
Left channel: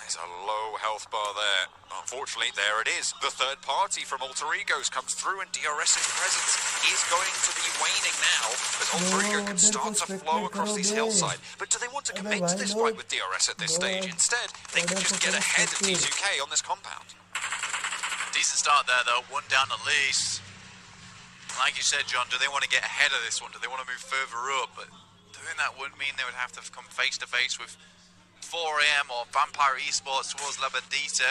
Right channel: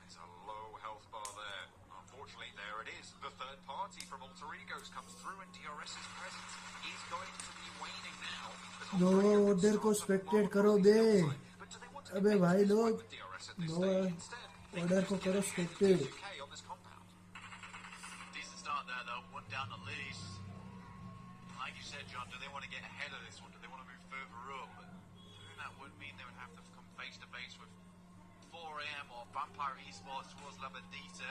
There's a low health bar there. Unfortunately, there it is. The third party from Alter Egos comes through, and DRS's presence is going to be waning now as Alter Ego can start to flow across this hillside. But do they want to commit to this fight with DRS at this stage? Instead, they can just get ahead of T2K on this compound. Decent start there, though. 1 down at least. Like you said, John, do they want to get ahead of this one? Do they want to move further up? But doing that would mean they would have to come face to face with 4 AM or Vampire Esports towards Labadita.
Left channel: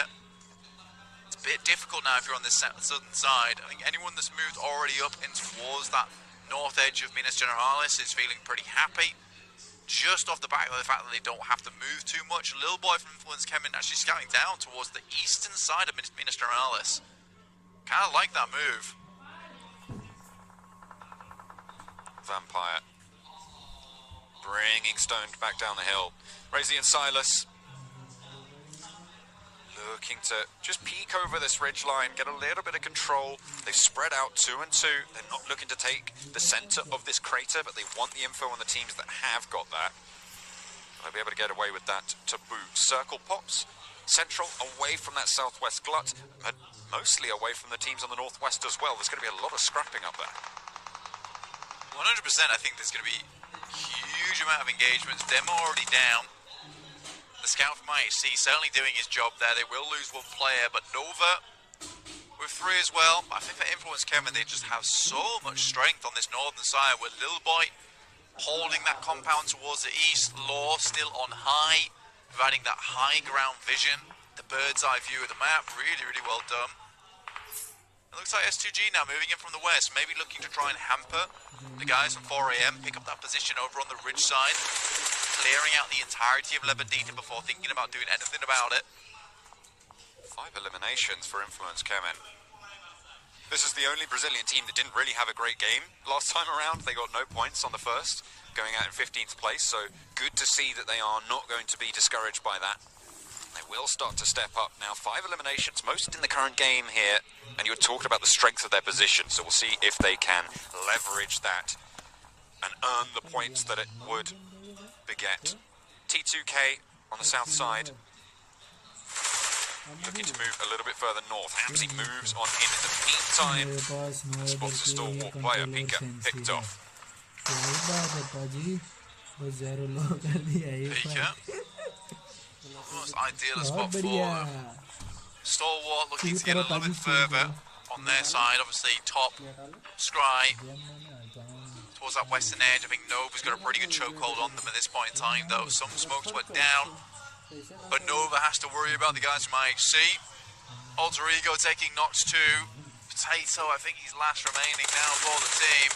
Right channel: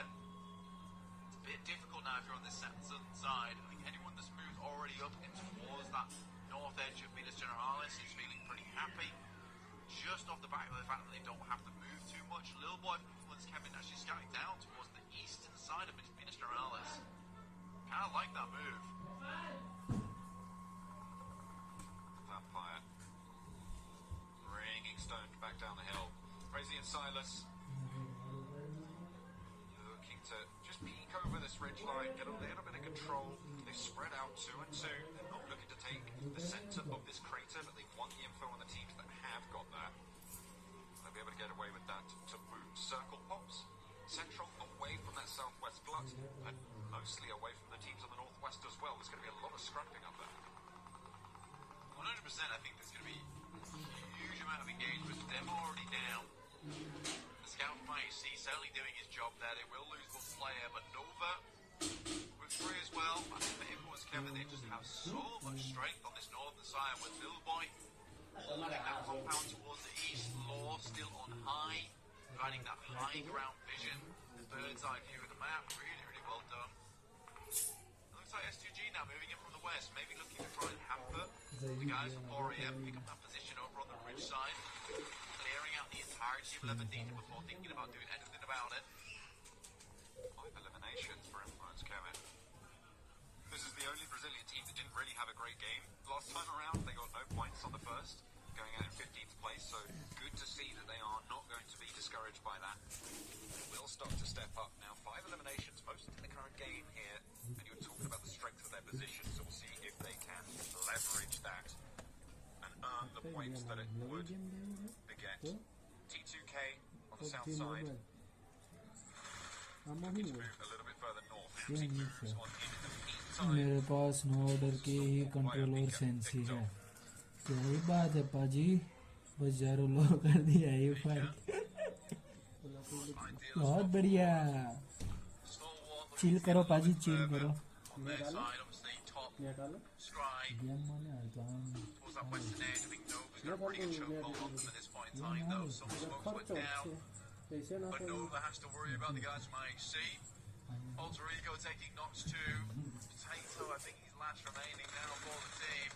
It's a bit difficult now if you're on this southern side. I think anyone that's moved already up in towards that north edge of Minas Generalis is feeling pretty happy. Just off the back of the fact that they don't have to move too much. Little boy from Influence came in actually scouting down towards the eastern side of Minas Generalis. Kind of like that move. Vampire bringing Stoned back down the hill. Razy and Silas looking to just peek over this ridge line, get a little bit of control. They've spread out 2 and 2. They're not looking to take the center of this crater, but they want the info on the teams that have got that. They'll be able to get away with that to boot. Circle pops central, away from that southwest glut, but mostly away from the teams on the northwest as well. There's going to be a lot of scrapping up there. 100%, I think there's going to be a huge amount of engagements. Demo already down. The scout from IHC certainly doing his job there. They will lose 1 player, but Nova with 3 as well. I think for Influence Kevin, they just have so much strength on this northern side with Lil Boy holding that compound towards the east. Law still on high, providing that high ground vision. The bird's eye view of the map, really, really well done. It looks like S2G now moving in from the west, maybe looking to try and hamper the guys from 4 AM, pick up that position over on the ridge side, clearing out the entirety of Lebedita before thinking about doing anything about it. 5 eliminations for Influence Kemen. This is the only Brazilian team that didn't really have a great game last time around. They got no points on the first, going out in 15th place, so good to see that they are not going to be discouraged by that. They will start to step up now. 5 eliminations, most in the current game here, and you were talking about the strength of their position, so we'll see if they can leverage that and earn the points that it would beget. T2K on the south side, looking to move a little bit further north. Hamzy moves on in the meantime. Spots a stalwart player, Pika picked off. Pika. Almost ideal spot for stalwart, looking to get a little bit further on their side. Obviously, top, Scry, towards that western edge. I think Nova's got a pretty good chokehold on them at this point in time, though. Some smokes went down, but Nova has to worry about the guys from IHC. Alter Ego taking Nox 2. Potato, I think he's last remaining now for the team.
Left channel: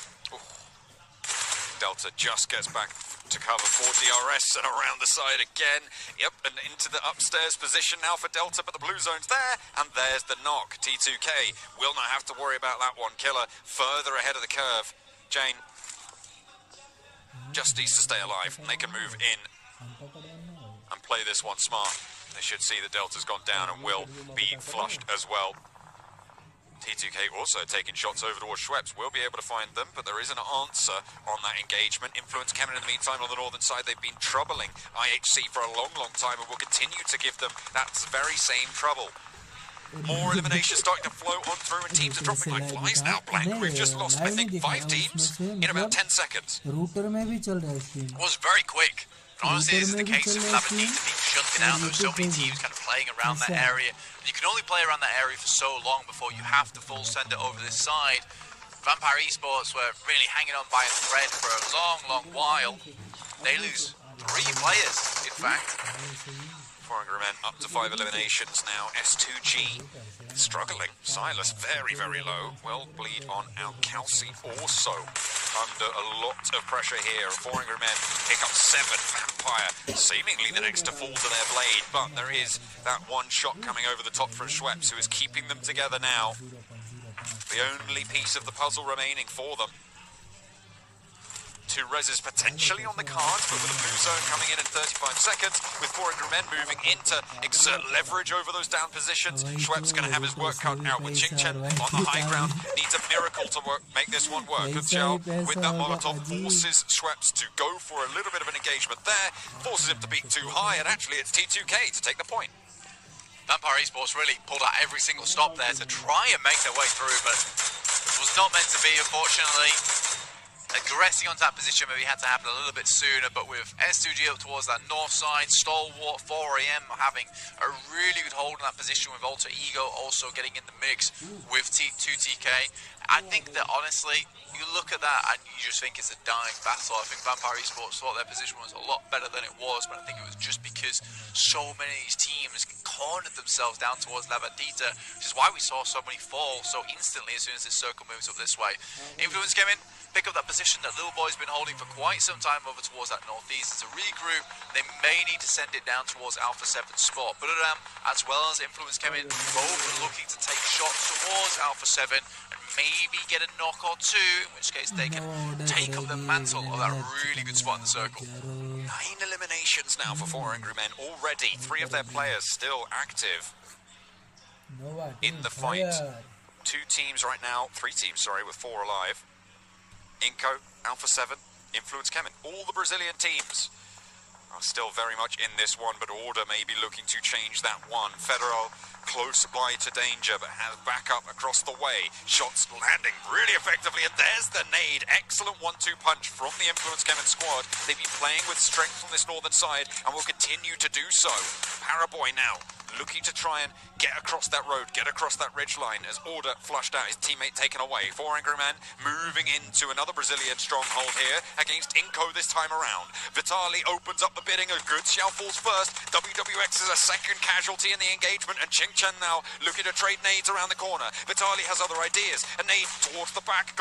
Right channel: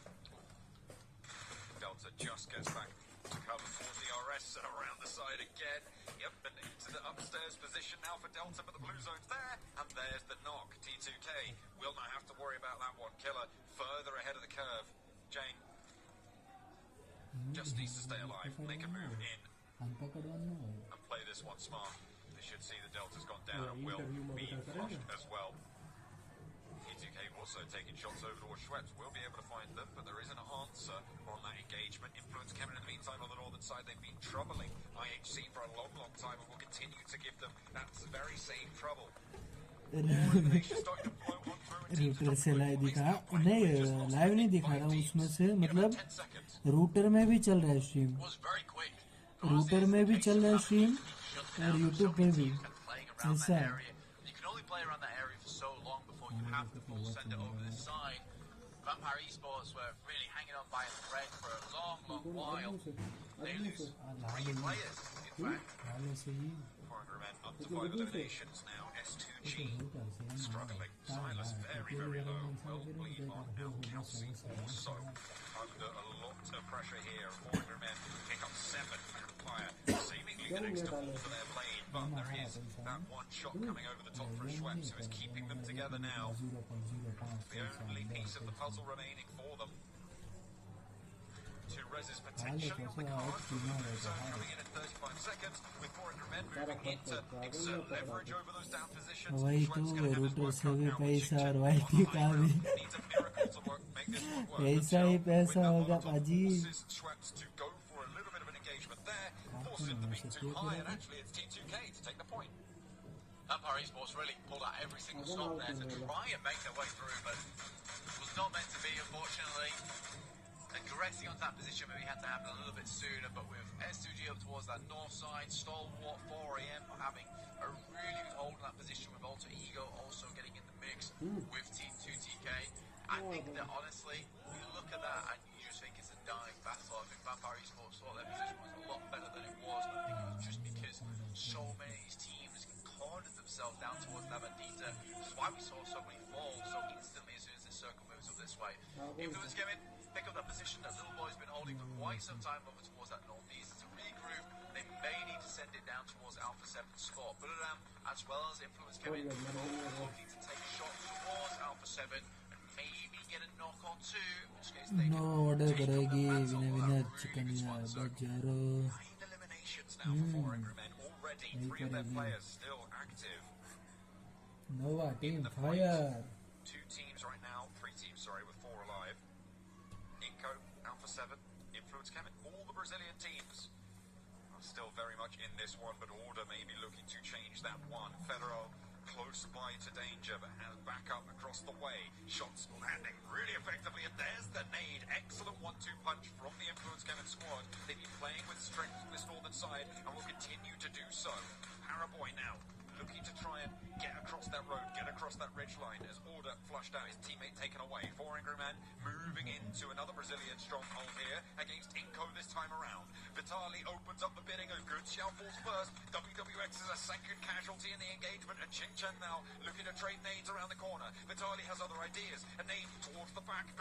Delta just gets back to cover for DRS and around the side again. Yep, and into the upstairs position now for Delta, but the blue zone's there, and there's the knock. T2K will not have to worry about that one. Killer further ahead of the curve. Jane just needs to stay alive. They can move in and play this one smart. They should see that Delta's gone down and will be flushed as well. T2K also taking shots over towards Schweppes. We'll be able to find them, but there is an answer on that engagement. Influence coming in the meantime on the northern side. They've been troubling IHC for a long, long time and will continue to give them that very same trouble. More eliminations starting to flow on through, and teams are dropping like flies now. Blank, we've just lost, I think, 5 teams in about 10 seconds. It was very quick. Honestly, this is the case of having teams being shunted out. There's so many teams kind of playing around that area. You can only play around that area for so long before you have to full send it over this side. Vampire Esports were really hanging on by a thread for a long, long while. They lose 3 players, in fact. Foreigner men up to 5 eliminations now. S2G struggling. Silas very, very low. Well, bleed on Alcalci also under a lot of pressure here. Foreigner men pick up 7. Vampire seemingly the next to fall to their blade, but there is that one shot coming over the top from Schweppes, who is keeping them together now. The only piece of the puzzle remaining for them. 2 reses potentially on the cards, but with the blue zone coming in 35 seconds, with 400 men moving in to exert leverage over those down positions. Schweppes going to have his work cut out with Chingchen on the high ground. Needs a miracle to make this one work. Good job with that Molotov. Forces Schweppes to go for a little bit of an engagement there. Forces him to beat too high, and actually it's T2K to take the point. Vampire Esports really pulled out every single stop there to try and make their way through, but it was not meant to be, unfortunately. Aggressing onto that position maybe had to happen a little bit sooner, but with S2G up towards that north side, Stalwart, 4am having a really good hold in that position, with Alter Ego also getting in the mix with T2TK. I think that honestly, you look at that and you just think it's a dying battle. I think Vampire Esports thought their position was a lot better than it was, but I think it was just because so many of these teams cornered themselves down towards Lavandita, which is why we saw so many fall so instantly as soon as this circle moves up this way. Influence came in, pick up that position that Little Boy's been holding for quite some time over towards that northeast. It's a regroup. They may need to send it down towards Alpha 7's spot. But as well as Influence came in, both are looking to take shots towards Alpha 7 and maybe get a knock or 2, in which case they can take up the mantle of that really good spot in the circle. 9 eliminations now for 4 Angry Men already. 3 of their players still active in the fight. 2 teams right now, 3 teams, sorry, with 4 alive. Inco, Alpha 7, Influence Kemen. All the Brazilian teams are still very much in this one, but Order may be looking to change that one. Federal close by to danger, but has backup across the way. Shots landing really effectively, and there's the nade. Excellent 1-2 punch from the Influence Kemen squad. They've been playing with strength on this northern side and will continue to do so. Paraboy now looking to try and get across that road, get across that ridge line as Order flushed out, his teammate taken away. 4 Angry Man moving into another Brazilian stronghold here against Inco this time around. Vitali opens up the bidding, a good shell falls first. WWX is a second casualty in the engagement, and Ching Chen now looking to trade nades around the corner. Vitali has other ideas, a nade towards the back.